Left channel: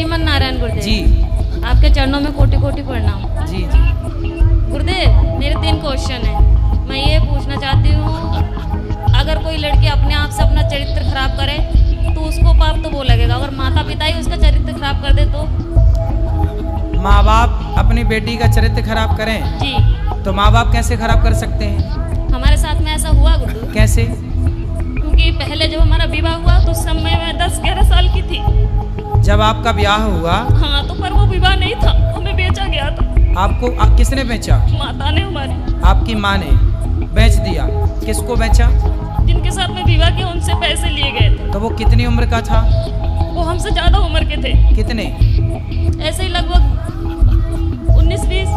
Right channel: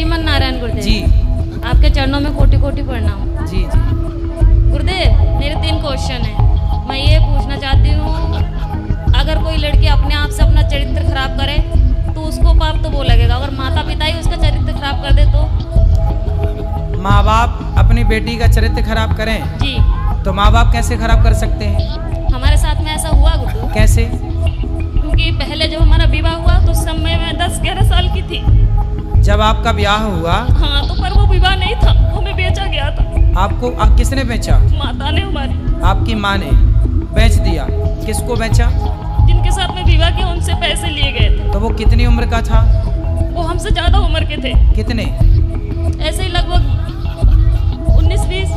श्रीमन नारायण गुरुदेव जी आपके चरणों में कोटि कोटि प्रणाम। जी जी। गुरुदेव मेरे 3 क्वेश्चन हैं। मैं ये पूछना चाहती हूँ, अगर कोई लड़की अपने आप से अपना चरित्र खराब करे तो उसको पाप तो वो लगेगा, अगर माता पिता ही उसका चरित्र खराब कर दे तो? माँ बाप अपनी बेटी का चरित्र खराब करें जी। तो माँ बाप कैसे खराब कर सकते हैं? हमारे साथ में ऐसा हुआ गुरु। कैसे? क्योंकि पहले जब हमारा विवाह हुआ तो उस समय मैं 10-11 साल की थी। जब आपका ब्याह हुआ? हाँ, तो पर वो विवाह नहीं था, हमें बेचा गया था। आपको किसने बेचा? माता ने हमारी। आपकी माँ ने बेच दिया। किसको बेचा? जिनके साथ में विवाह किया उनसे पैसे लिए गए थे। तो वो कितनी उम्र का था? वो हमसे ज्यादा उम्र के थे। कितने? ऐसे ही लगभग 19-20।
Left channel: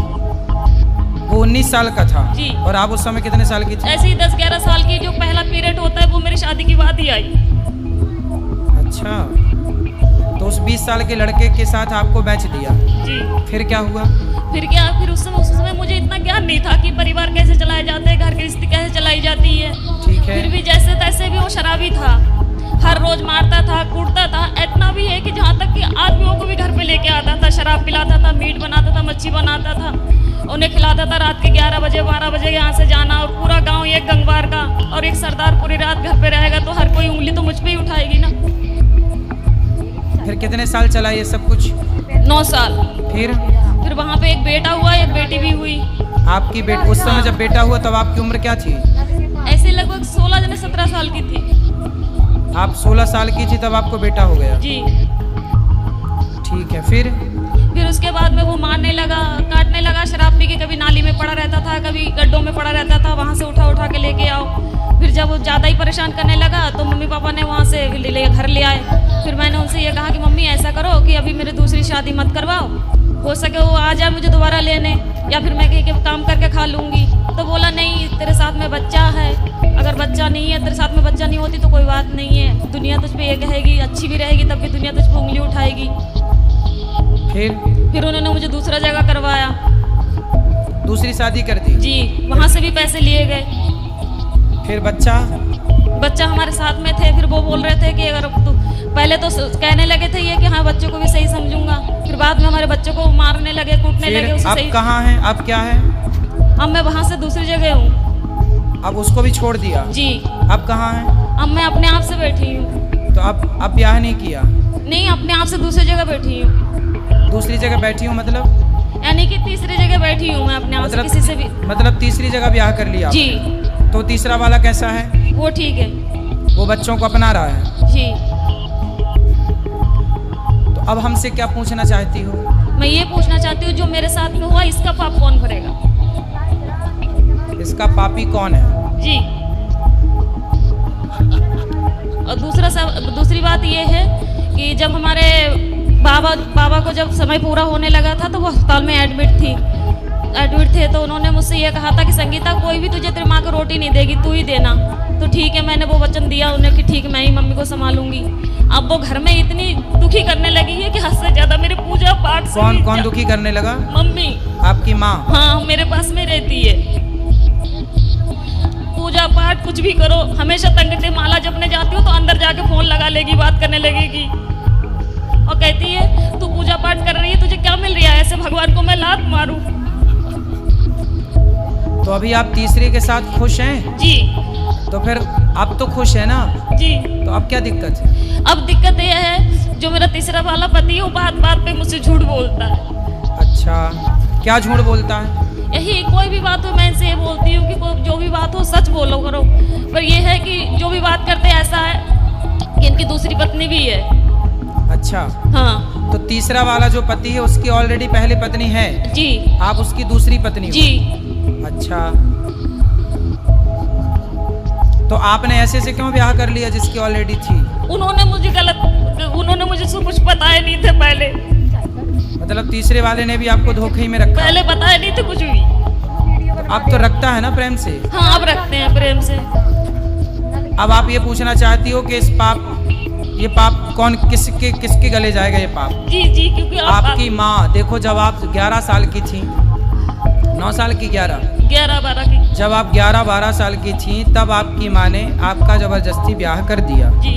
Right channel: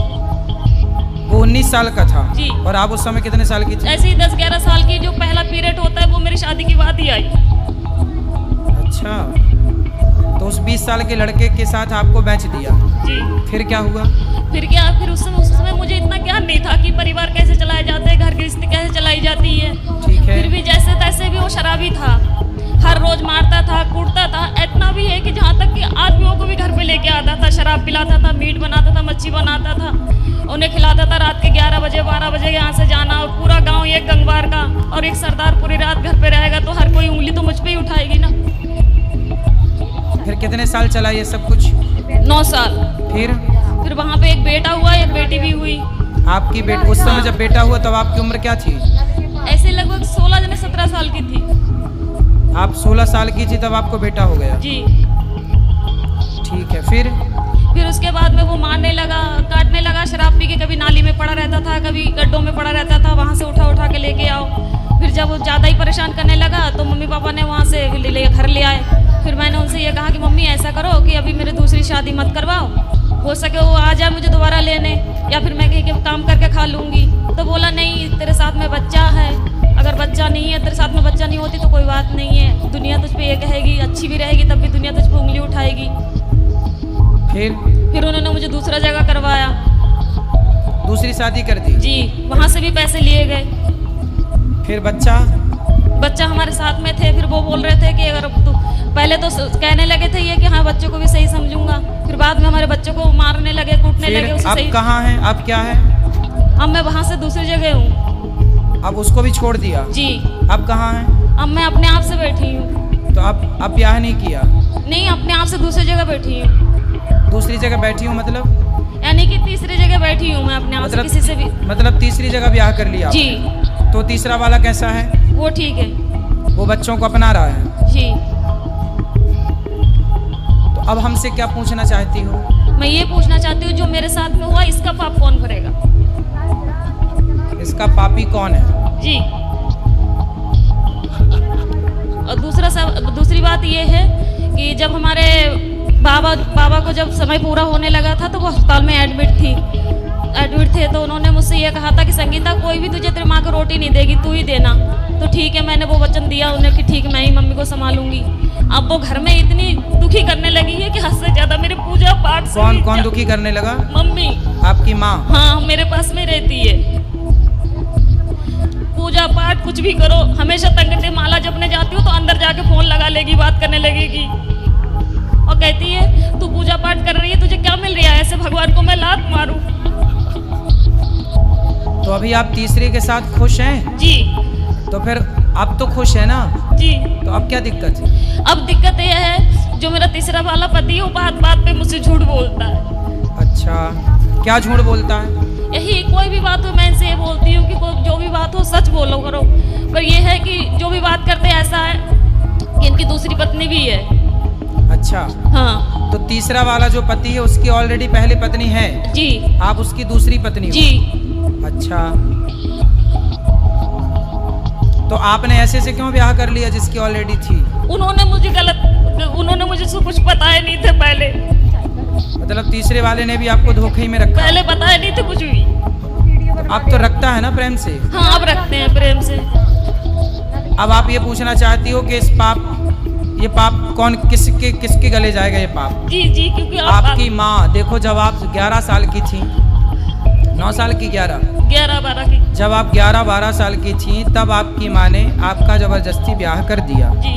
वो 19 साल का था। जी। और आप उस समय कितने साल की थी? ऐसे ही 10-11 साल की। जो पहला पीरियड होता है वो मेरी शादी की बाद ही आई। अच्छा, तो उस 20 साल के लड़के के साथ आपको बेच दिया। जी। फिर क्या हुआ? फिर क्या, फिर उस समय मुझे इतना ज्ञान नहीं था कि परिवार कैसे चलाए जाते हैं, घर की स्थिति कैसे चलाई जाती है। ठीक है। फिर भी जैसे तैसे भी वो शराबी था, हर रोज मारता था, कूटता था। इतना भी है कि जहाँ तक कि आदमियों को भी घर पे लेके आता था, शराब पिलाता था, मीट बनाता था, मच्छी बनाता था, उन्हें खिलाता था। रात के 11 बजे 12 बजे यहाँ से जाना, और पूरा गांव एक गंगवार का और एक सरदार पूरी रात घर पे रहेगा तो हर कोई उंगली तो मुझ पे ही उठाएगी ना। फिर कितने साल चला ये सब कुछ? 9 साल। फिर वहाँ पे एक बेटा हुआ, एक बेटी भी हुई। आपकी बेटी उस समय जब बेटा हुआ तब आपकी उम्र क्या थी? ऐसे लगभग 16-17 साल की थी। आप 16 साल की थी तब आपको बेटा हो गया? जी। ठीक है। फिर उसके बाद में वो मारने लगा, काटने लगा, शराब पी के कभी नाली में पड़ा रहता था, कभी गड्ढों में पड़ा रहता था, वहाँ से उठा के लेके आओ। फिर जब वो ज़्यादा ही परेशान करने लगा तो मम्मी पापा ने वहाँ से घर ले आए। फिर मैंने उनसे ये कहा कि मम्मी ऐसा करो कि अभी मेरी दूसरी शादी मत करवाओ, हो सके वो आ जाए मुझे दोबारा लेने, या फिर मैं कहीं काम करके खा लूँगी। तो बोला नहीं, तेरे साथ में बच्चा है, अगर बच्चा नहीं है, तेरे साथ में बच्चा नहीं होती तो कोई बात नहीं है, दुनिया तुझ पे ये कहेगी, अच्छी भी रहेगी तब भी दुनिया तुझ पे उंगली उठाएगी। फिर उन्होंने मुझे दूसरा जगह करवाया। दूसरी शादी कर दी? जी। वहाँ से भी पैसे लिए गए। फिर बच्चा हमारे साथ में थे। फिर वो बोल रहे थे कि अगर तू, पहले तो कहने लगे थे ये कि हाँ बच्चों को भी सही समझूंगा, फिर बाद में हमारे बच्चों को मारने लगे, कूटने लगे। उसे अब सही। कहाँ हैं? अब क्या है? अब मैं वहाँ से दूसरी जगह हूँ। अब उसको भी छोड़ दिया? जी। अब कहाँ हैं? अब मैं अपने आप से बैठी हूँ। तो अब ब्याह नहीं किया? नहीं, अपने आप से दूसरी जगह बैठी हूँ। दूसरी जगह बैठी हूँ मतलब? यानी कि तीसरी जगह बैठी हूँ मैं अपने आप से, किसी से भी। मतलब तीसरी जगह ब्याह कर लिया? जी। तो तीसरा वाला कैसा है? वो ठीक है। वो बच्चों को अपना रहा है? जी। तो अब हमसे क्या पूछना चाहती हो? मैं ये पूछना चाहती हूँ, जो मेरे साथ में हुआ इसका पाप कौन भरेगा? इसका पापी कौन है? जी। और दूसरी बात ये है कि जब हमारे बाबा को जब समय पूरा होने लगा था तो वो अस्पताल में एडमिट थे, तो उन्होंने मुझसे ये कहा था कि संगीता कोई भी तुझे तेरी माँ को रोटी नहीं देगी, तू ही देना। तो ठीक है, मैंने वो वचन दिया उन्हें कि ठीक, मैं ही मम्मी को संभालूंगी। अब वो घर में इतनी दुखी करने लगी है कि हद से ज्यादा मेरे पूजा पाठ से। कौन दुखी करने लगा? मम्मी। आपकी माँ? हाँ, मेरे पास में रहती है। पूजा पाठ कुछ भी करो, हमेशा तंगते माला जपने जाती हूँ तो अंदर जाके फोन लगा लेगी, बात करने लगेगी और कहती है तू पूजा पाठ कर रही है, तुझे क्या मिल रहा है, ऐसे भगवान को मैं लात मारूं। तो अभी आप तीसरे के साथ खुश हैं? जी। तो फिर अब तो खुश है ना? जी। तो अब क्या दिक्कत है? अब दिक्कत यह है, जो मेरा तीसरा वाला पति है वो बात बात पे मुझसे झूठ बोलता है। अच्छा, क्या झूठ बोलता है? यही, कोई भी बात हो मैं इनसे ये बोलती हूँ कि जो भी बात हो सच बोलो करो, पर यह है कि जो भी बात करते ऐसा है कि इनकी दूसरी पत्नी भी है। अच्छा। हाँ। तो तीसरा वाला जो पति है उसकी ऑलरेडी पहली पत्नी है? जी। आप उसकी दूसरी पत्नी हो? जी। अच्छा, तो आपने ऐसे से क्यों ब्याह कर लिया जिसकी ऑलरेडी थी? उन्होंने मुझे सब कुछ बताया नहीं थे पहले। मतलब तीसरे वाले ने भी आपको धोखे में रखा? पहले बताया नहीं थे कुछ भी। तो अब तो रखता है ना प्रेम से? हाँ, अब रखते हैं प्रेम से। अब आप ये पूछना चाहती हो कि ये पाप कौन किसके गले जाएगा ये पाप? जी जी, क्योंकि आपकी माँ। देखो, जब आप 11 साल की थी, 9 साल की, 11-12 की, जब आप 11-12 साल की थी तब आपकी माँ ने आपका जबरदस्ती ब्याह कर दिया। जी।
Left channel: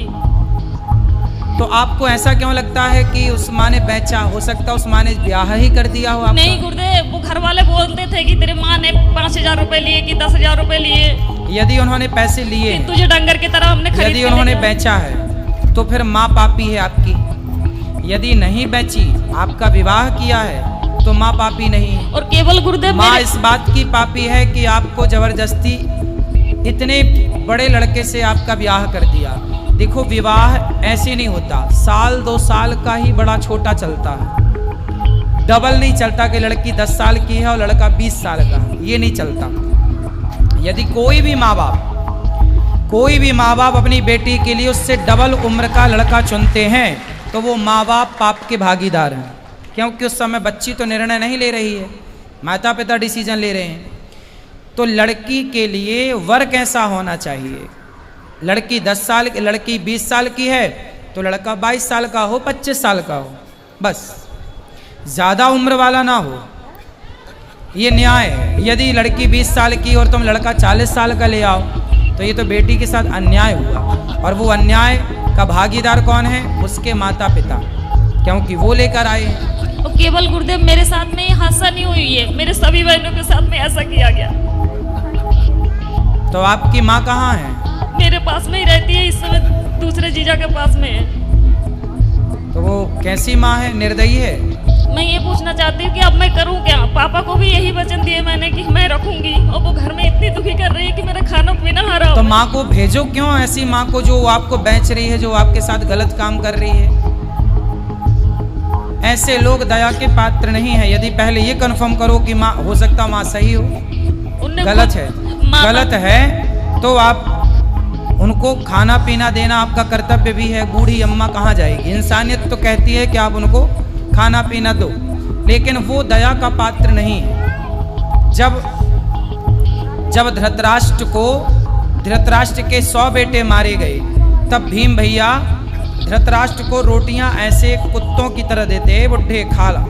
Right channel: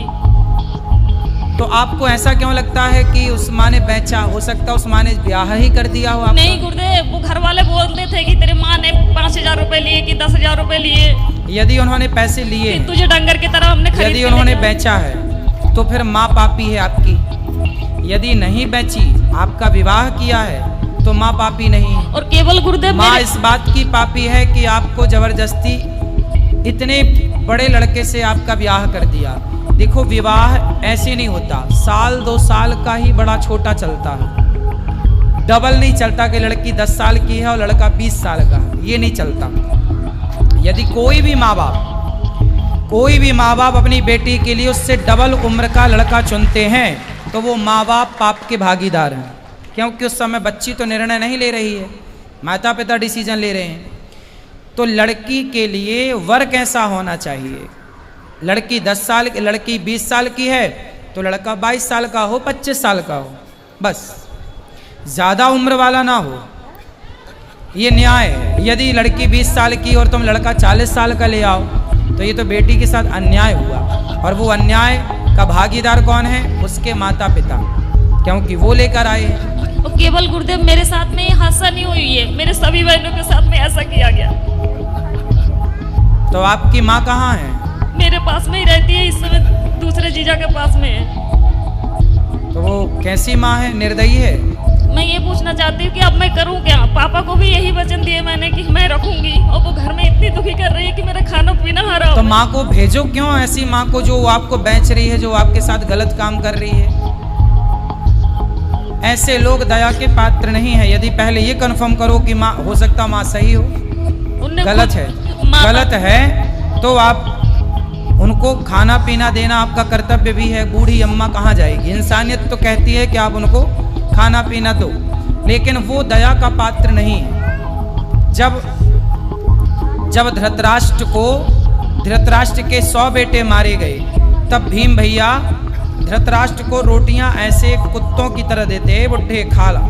तो आपको ऐसा क्यों लगता है कि उस माँ ने बेचा? हो सकता है उस माँ ने ब्याह ही कर दिया हो आपका? नहीं गुरुदेव, वो घर वाले बोलते थे कि तेरे माँ ने 5,000 रुपए लिए कि 10,000 रुपए लिए, यदि उन्होंने पैसे लिए कि हैं, तुझे डंगर की तरह हमने खरीद यदि के उन्होंने ले गया। बेचा है तो फिर माँ पापी है आपकी। यदि नहीं बेची, आपका विवाह किया है, तो माँ पापी नहीं है। और केवल गुरुदेव माँ मेरे- इस बात की पापी है कि आपको जबरदस्ती इतने बड़े लड़के से आपका ब्याह कर दिया। देखो, विवाह ऐसे नहीं होता, साल 2 साल का ही बड़ा छोटा चलता है, डबल नहीं चलता कि लड़की 10 साल की है और लड़का 20 साल का है, ये नहीं चलता। यदि कोई भी माँ बाप अपनी बेटी के लिए उससे डबल उम्र का लड़का चुनते हैं तो वो माँ बाप पाप के भागीदार हैं, क्योंकि उस समय बच्ची तो निर्णय नहीं ले रही है, माता पिता डिसीजन ले रहे हैं। तो लड़की के लिए वर कैसा होना चाहिए? लड़की 10 साल की, लड़की 20 साल की है तो लड़का 22 साल का हो, 25 साल का हो, बस ज़्यादा उम्र वाला ना हो, ये न्याय है। यदि लड़की 20 साल की और तुम लड़का 40 साल का ले आओ तो ये तो बेटी के साथ अन्याय हुआ, और वो अन्याय का भागीदार कौन है? उसके माता पिता, क्योंकि वो लेकर आए हैं। और केवल गुरुदेव मेरे साथ में ये हादसा नहीं हुई है, मेरे सभी बहनों के साथ में ऐसा किया गया। तो आपकी माँ कहाँ है? मेरे पास में ही रहती है, इस समय दूसरे जीजा के पास में है। तो वो कैसी माँ है? निर्दयी है? मैं ये पूछना चाहती हूँ कि अब मैं करूँ क्या? पापा को भी यही वचन दिए मैंने कि मैं रखूंगी, और वो घर में इतनी दुखी कर रही है कि मेरा खाना पीना हराम तो है। माँ को भेजो क्यों, ऐसी माँ को जो आपको बेच रही है, जो आपके साथ गलत काम कर रही है। ऐसे लोग दया के पात्र नहीं है। यदि पहले ये कन्फर्म करो कि माँ, हो सकता माँ सही हो, उनने गलत खुद- है, माँ- गलत है तो आप उनको खाना पीना देना आपका कर्तव्य भी है। बूढ़ी अम्मा कहाँ जाएगी? इंसानियत तो कहती है कि आप उनको खाना पीना दो, लेकिन वो दया का पात्र नहीं है। जब धृतराष्ट्र के 100 बेटे मारे गए, तब भीम भैया धृतराष्ट्र को रोटियां ऐसे कुत्तों की तरह देते, बुढ़े खा ला।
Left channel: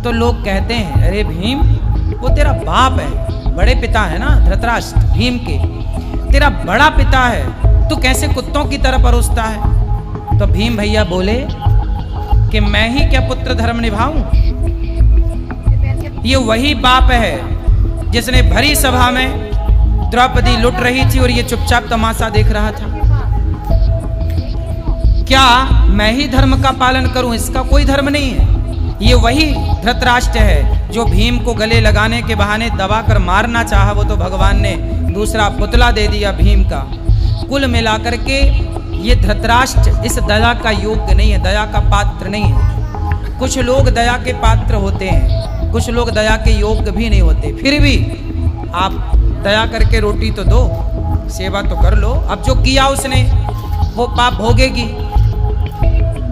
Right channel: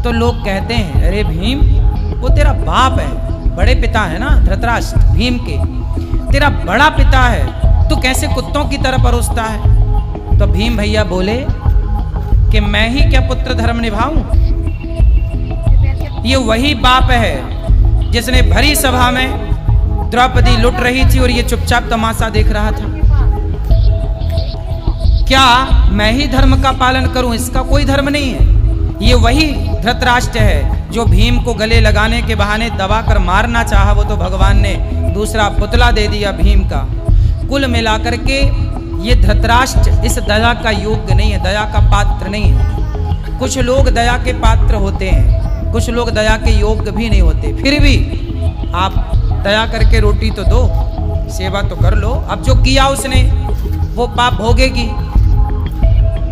तो लोग कहते हैं, अरे भीम, वो तेरा बाप है, बड़े पिता है ना धृतराष्ट्र, भीम के तेरा बड़ा पिता है, तू कैसे कुत्तों की तरह परोसता है? तो भीम भैया बोले कि मैं ही क्या पुत्र धर्म निभाऊं? ये वही बाप है जिसने भरी सभा में द्रौपदी लुट रही थी और ये चुपचाप तमाशा देख रहा था। क्या मैं ही धर्म का पालन करूं? इसका कोई धर्म नहीं है। ये वही धृतराष्ट्र है जो भीम को गले लगाने के बहाने दबाकर मारना चाहा, वो तो भगवान ने दूसरा पुतला दे दिया भीम का। कुल मिलाकर के ये धृतराष्ट्र इस दया का योग्य नहीं है, दया का पात्र नहीं है। कुछ लोग दया के पात्र होते हैं, कुछ लोग दया के योग्य भी नहीं होते। फिर भी आप दया करके रोटी तो दो, सेवा तो कर लो। अब जो किया उसने वो पाप भोगेगी।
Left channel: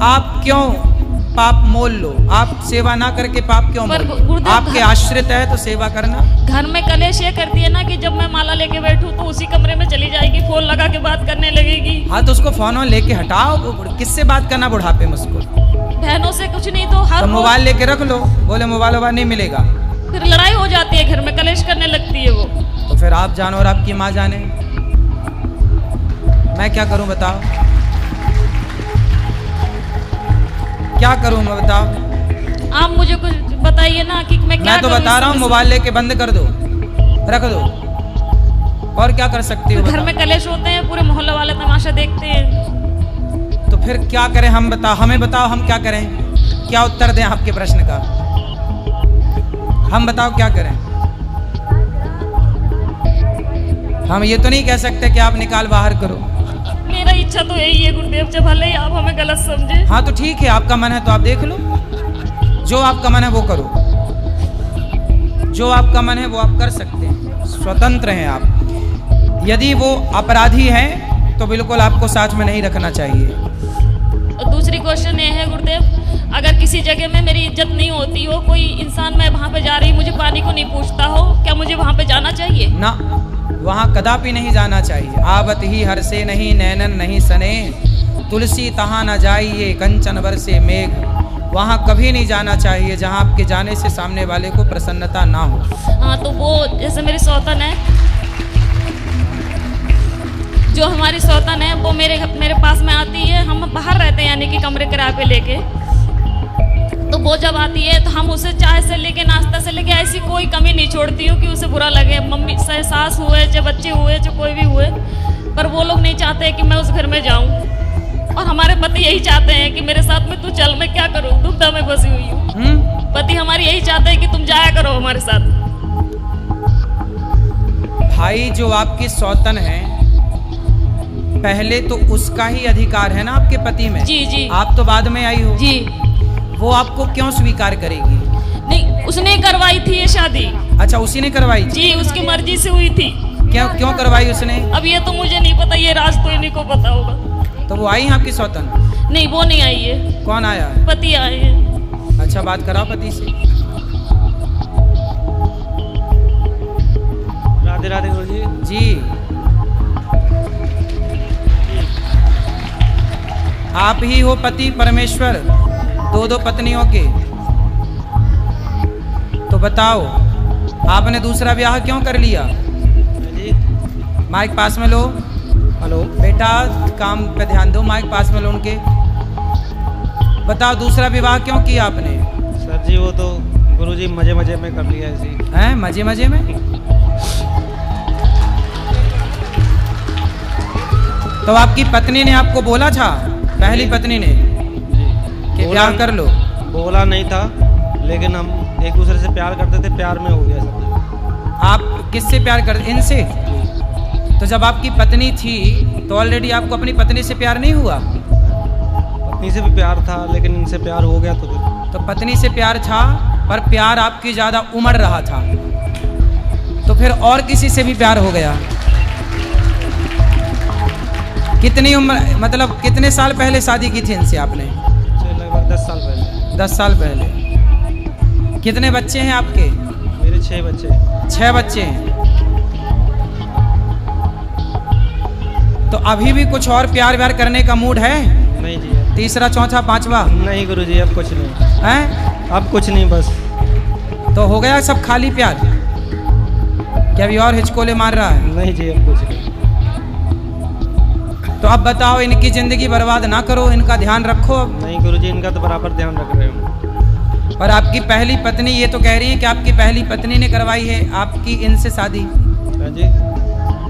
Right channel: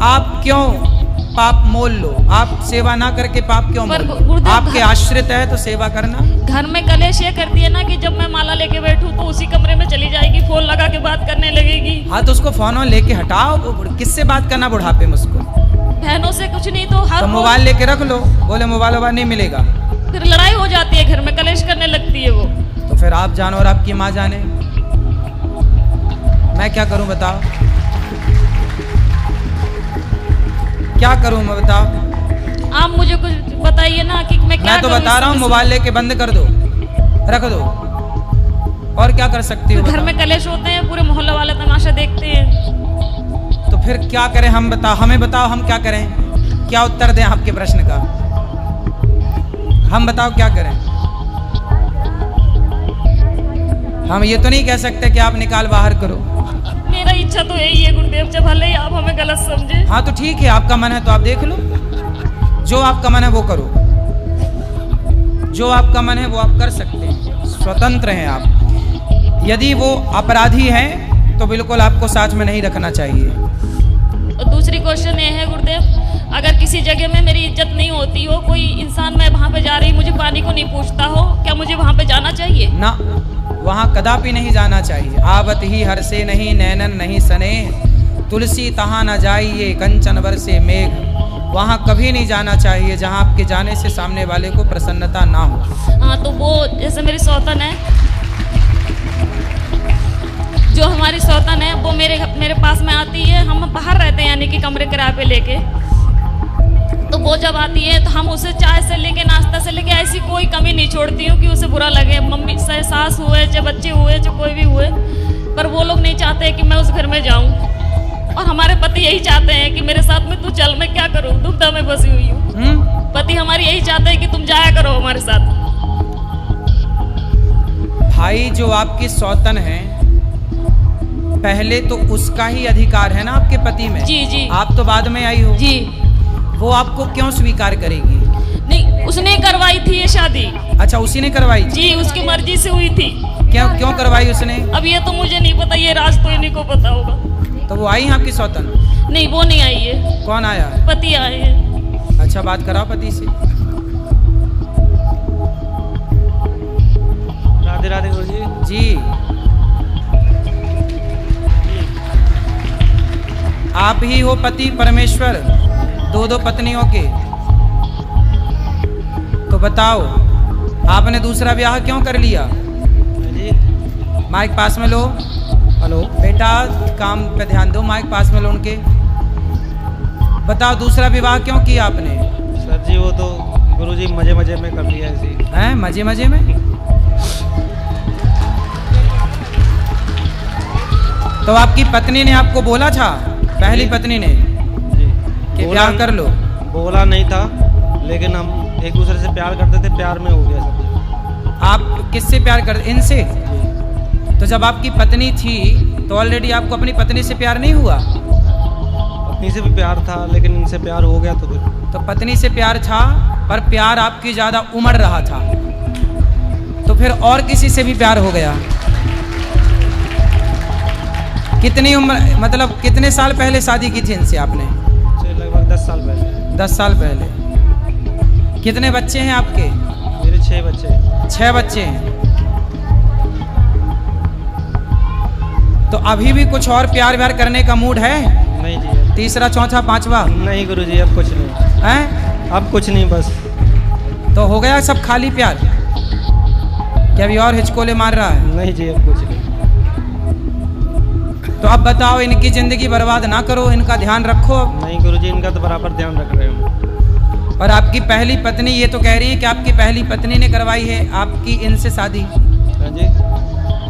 आप क्यों पाप मोल लो? आप सेवा ना करके पाप क्यों मोल पर लो? गुरुदेव, आपके आश्रित है तो सेवा करना। घर में कलेश ये करती है ना कि जब मैं माला लेके बैठूं तो उसी कमरे में चली जाएगी, फोन लगा के बात करने लगेगी। हाँ, तो उसको फोन लेके हटाओ। किससे बात करना बुढ़ापे में उसको? बहनों से कुछ नहीं तो हर तो रोज- मोबाइल लेके रख लो, बोले मोबाइल नहीं मिलेगा। फिर लड़ाई हो जाती है, घर में कलेश करने लगती है वो। तो फिर आप जानो और आपकी माँ जाने, मैं क्या करूं बताओ? क्या करूं मैं बताओ? आप मुझे कुछ बताइए ना कि मैं क्या मैं तो करूं बता इस रहा हूँ, समय से? मोबाइल लेके बंद कर दो, रख दो। और क्या कर सकती हो घर बताओ? में कलेश होते हैं, पूरे मोहल्ले वाले तमाशा देखते हैं। तो फिर क्या करें हम? बताओ, हमें बताओ हम क्या करें? क्या उत्तर दें आपके प्रश्न का? हम बताओ क्या करें? हम ये तो नहीं कह सकते कि आप निकाल बाहर करो। मेरा इच्छा तो यही है गुरुदेव, जब भले ही आप हमें गलत समझे। हाँ तो ठीक है, आपका मन है तो आप देख लो, जो आपका मन है वो करो, जो आपका मन है वो आप कर सकते हैं, स्वतंत्र हैं आप। यदि वो अपराधी हैं तो बिल्कुल आपको साथ में नहीं रखना चाहिए। और दूसरी क्वेश्चन ये है गुरुदेव, अगर किसी जगह में मेरी इज्जत नहीं होती हो, कोई इंसान मैं वहाँ पे जा रही मुझे पानी को नहीं पूछता हो, क्या मुझे वहाँ पे जाना चाहिए? ना, वहाँ कदापि नहीं जाना चाहिए। आवत ही हर से नहीं नैनन नहीं सने, तुलसी तहाँ न जाइए कंचन बरसे मेघ। वहाँ कभी नहीं जाना चाहिए जहाँ आपके जाने से सामने वाले को प्रसन्नता ना हो। हाँ, तो वो जैसे मेरी सौतन है, जो हमारी सौतन है वो मेरे पास में आती है। हम बाहर रहते हैं यानी कि कमरे किराए पे लेके, तो वो जब आती है तो हम उसे चाय से लेके नाश्ता से लेके ऐसी कोई कमी नहीं छोड़ती हूँ कि उसे बुरा लगे। मम्मी चाहे सास हुए चाहे बच्चे हुए चाहे कोई भी हुए, पर वो लोग नहीं चाहते कि मैं उस घर में जाऊँ। और हमारे पति यही चाहते हैं कि मेरे साथ में तू चल, मैं क्या करूँ, दुविधा में फंसी हुई हूँ। पति हमारे यही चाहते हैं कि तुम जाया करो हमारे साथ। भाई जो आपकी सौतन है, पहले तो उसका ही अधिकार है ना आपके पति में। जी जी। आप तो बाद में आई हो जी। वो आपको क्यों स्वीकार करेगी? नहीं, उसने करवाई थी ये शादी। अच्छा, उसी ने करवाई थी? जी, उसकी मर्जी से हुई थी। क्यों करवाई उसने? अब ये तो मुझे नहीं पता, ये राज तो इन्हीं को पता होगा। तो वो आई हैं आपकी सौतन? नहीं, वो नहीं आई है। कौन आया है? पति आए हैं। अच्छा, बात कराओ पति से। राधे राधे गुरुजी। जी, आप ही हो पति परमेश्वर दो पत्नियों के? तो बताओ, आपने दूसरा ब्याह क्यों कर लिया? जी। माइक पास में लो। हेलो। बेटा काम पे ध्यान दो, माइक पास में लो उनके। बताओ, दूसरा विवाह क्यों किया आपने? सर जी वो तो गुरुजी मजे मजे में कर लिया ऐसे ही। हैं, मजे मजे में? तो आपकी पत्नी ने आपको बोला था, पहली पत्नी ने, जी कि ब्याह कर लो? बोला नहीं था, लेकिन हम एक दूसरे से प्यार करते थे, प्यार में हो गया सब। आप किससे प्यार करते? इनसे? तो जब आपकी पत्नी थी तो ऑलरेडी आपको अपनी पत्नी से प्यार नहीं हुआ? पत्नी से भी प्यार था, लेकिन इनसे प्यार हो गया तो फिर। तो पत्नी से प्यार था, पर प्यार आपकी ज़्यादा उमड़ रहा था, तो फिर और किसी से भी प्यार हो गया? कितनी उम्र, मतलब कितने साल पहले शादी की थी इनसे आपने? लगभग 10 साल पहले। 10 साल पहले। कितने बच्चे हैं आपके? मेरे 6 बच्चे। 6 बच्चे हैं। तो अभी भी कुछ और प्यार व्यार करने का मूड है? नहीं जी। तीसरा चौथा पांचवा? नहीं गुरुजी, अब कुछ नहीं हैं? अब कुछ नहीं, बस। तो हो गया सब खाली प्यार? क्या अभी और हिचकोले मार रहा है? नहीं जी, अब कुछ नहीं। तो अब बताओ, इनकी जिंदगी बर्बाद ना करो, इनका ध्यान रखो अब। नहीं गुरुजी, इनका तो बराबर ध्यान रख रहे हो। और आपकी पहली पत्नी ये तो कह रही है कि आपकी पहली पत्नी ने करवाई है आपकी इनसे शादी? हाँ जी।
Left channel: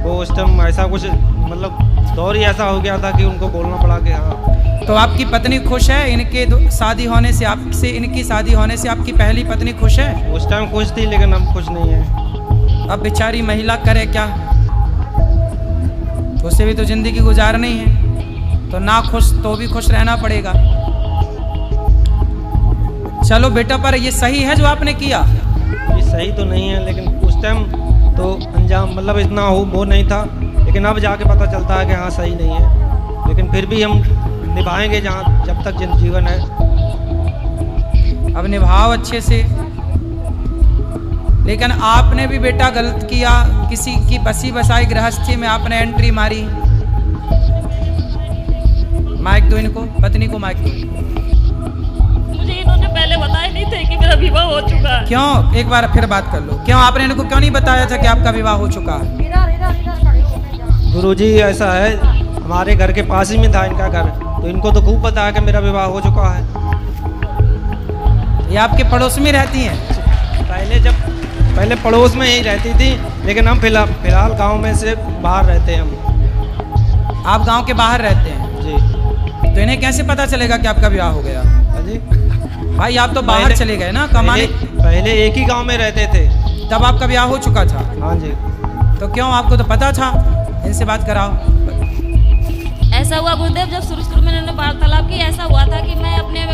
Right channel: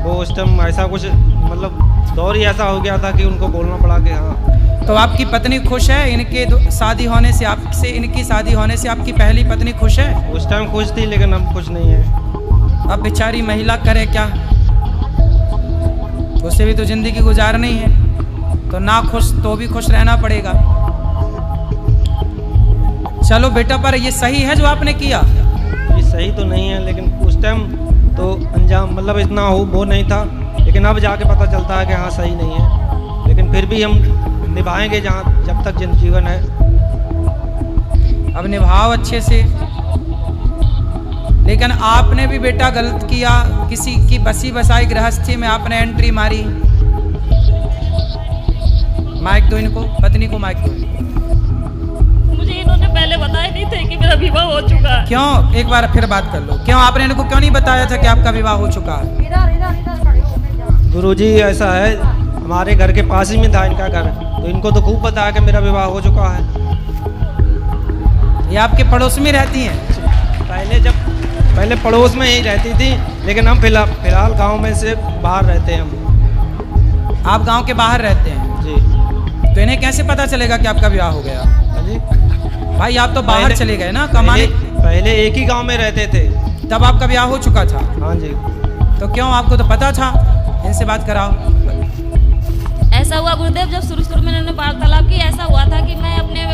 वो उस टाइम ऐसा कुछ, मतलब दौर ही ऐसा हो गया था कि उनको बोलना पड़ा कि हाँ। तो आपकी पत्नी खुश है इनके शादी होने से? आपसे इनकी शादी होने से आपकी पहली पत्नी खुश है? उस टाइम खुश थी, लेकिन अब खुश नहीं है। अब बेचारी महिला करे क्या, उसे भी तो जिंदगी गुजारनी है, तो ना खुश तो भी खुश रहना पड़ेगा। चलो बेटा, पर ये सही है जो आपने किया? ये सही तो नहीं है, लेकिन उस टाइम तो अंजाम मतलब इतना हो वो नहीं था, लेकिन अब जाके पता चलता है कि हाँ सही नहीं है, लेकिन फिर भी हम निभाएंगे जहाँ जब तक जीवन है। अब निभाओ अच्छे से। लेकिन आपने भी बेटा गलत किया, किसी की बसी बसाई गृहस्थी में आपने एंट्री मारी। माइक दो इनको, पत्नी को माइक दो। मुझे इन्होंने पहले बताया नहीं थे कि मेरा विवाह हो चुका है। क्यों? एक बार फिर बात कर लो। क्यों आपने इनको क्यों नहीं बताया था कि आपका विवाह हो चुका है? गुरुजी ऐसा है, हमारे घर के पास ही में था इनका घर, तो इनको तो खूब पता है कि मेरा विवाह हो चुका है। ये आपके पड़ोस में रहती हैं? पहले पड़ोस में ही रहती थी, लेकिन हम फिलहाल गांव में से बाहर रहते हैं हम। आप गांव के बाहर रहते हैं? जी। तो इन्हें कैसे पता चलेगा कि आपका विवाह हो गया? हाँ जी। भाई आप तो बाहर चले गए ना कमाने। पहले एक ही गांव में रहते थे, तब आपका ब्याह हो चुका था? हाँ जी। तो क्यों, आपको तो पता था? इनसे बात कराओ। ऐसा हुआ गुरुदेव, जब शुरू में इन्होंने वार्तालाप की, ऐसा हुआ था कि मैं अपने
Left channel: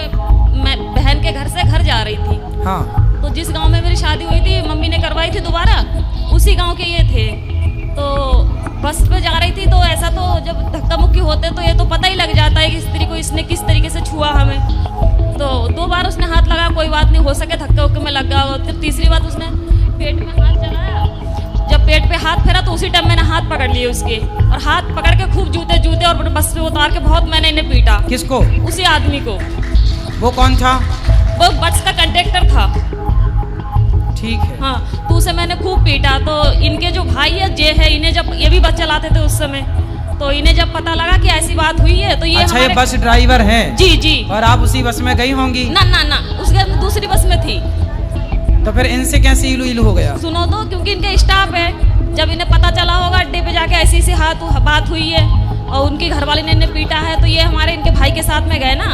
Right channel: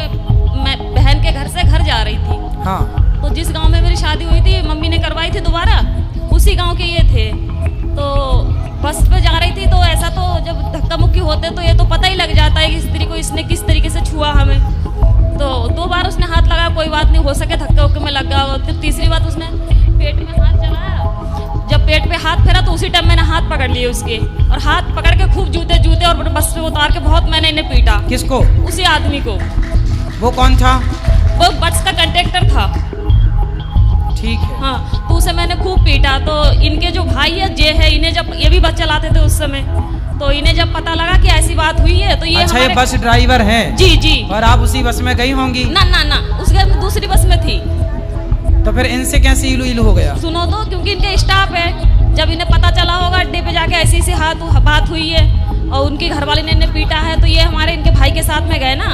बहन के घर से घर जा रही थी। हाँ। तो जिस गांव में मेरी शादी हुई थी, मम्मी ने करवाई थी दोबारा, उसी गांव के ये थे। तो बस पे जा रही थी, तो ऐसा तो जब धक्का मुक्की होते तो ये तो पता ही लग जाता है कि स्त्री को इसने किस तरीके से छुआ हमें। तो 2 बार उसने हाथ लगाया, कोई बात नहीं, हो सके धक्के उक्के में लग गया। फिर तीसरी बार उसने पेट में हाथ चलाया, जब पेट पे हाथ फेरा तो उसी टाइम मैंने हाथ पकड़ लिए उसके, और हाथ पकड़ के खूब जूते और बस पे उतार के बहुत मैंने इन्हें पीटा। किसको? उसी आदमी को। वो कौन था? वो बस का कंडक्टर था। ठीक है। हाँ, तो उसे मैंने खूब पीटा। तो इनके जो भाई है जे है, इन्हें जब ये भी बस चलाते थे उस समय, तो इन्हें जब पता लगा कि ऐसी बात हुई है तो ये अच्छा, ये बस ड्राइवर हैं? जी जी। और आप उसी बस में गई होंगी? ना ना ना, उसके दूसरी बस में थी। तो फिर इनसे कैसे इलू इलू हो गया? सुनो तो, क्योंकि इनके स्टाफ है, जब इन्हें पता चला होगा अड्डे पे जाके ऐसी ऐसी बात हुई है और उनकी घरवाली ने इन्हें पीटा है, तो ये हमारे इनके भाई के साथ में गए ना,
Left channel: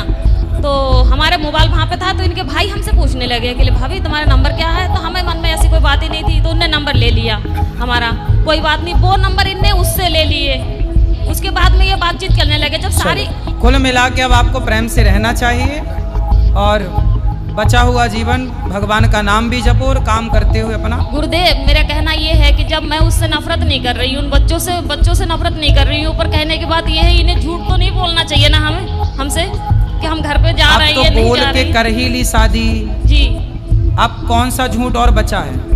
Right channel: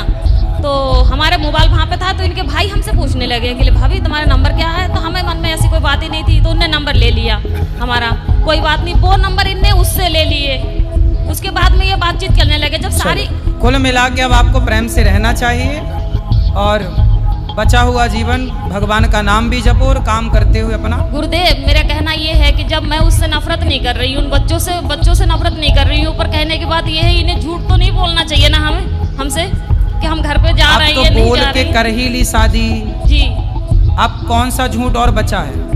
तो हमारे मोबाइल वहाँ पे था, तो इनके भाई हमसे पूछने लगे कि भाभी तुम्हारा नंबर क्या है, तो हमें मन में ऐसी कोई बात ही नहीं थी, तो उनने नंबर ले लिया हमारा। कोई बात नहीं, वो नंबर इनने उससे ले लिए, उसके बाद में ये बातचीत करने लगे। जब सारी कुल मिला के अब आपको प्रेम से रहना चाहिए और बचा हुआ जीवन भगवान का नाम भी जपो और काम करते हुए अपना। गुरुदेव, मेरा कहना ये है कि जब मैं उससे नफरत नहीं कर रही हूँ, उन बच्चों से नफरत नहीं कर रही हूँ, पर कहने की बात ये है, इन्हें झूठ तो नहीं बोलना चाहिए ना हमसे कि हम घर पे जा रहे हैं, अब तो बोल के कर ही ली शादी जी। अब कौन सा झूठ और बचा है?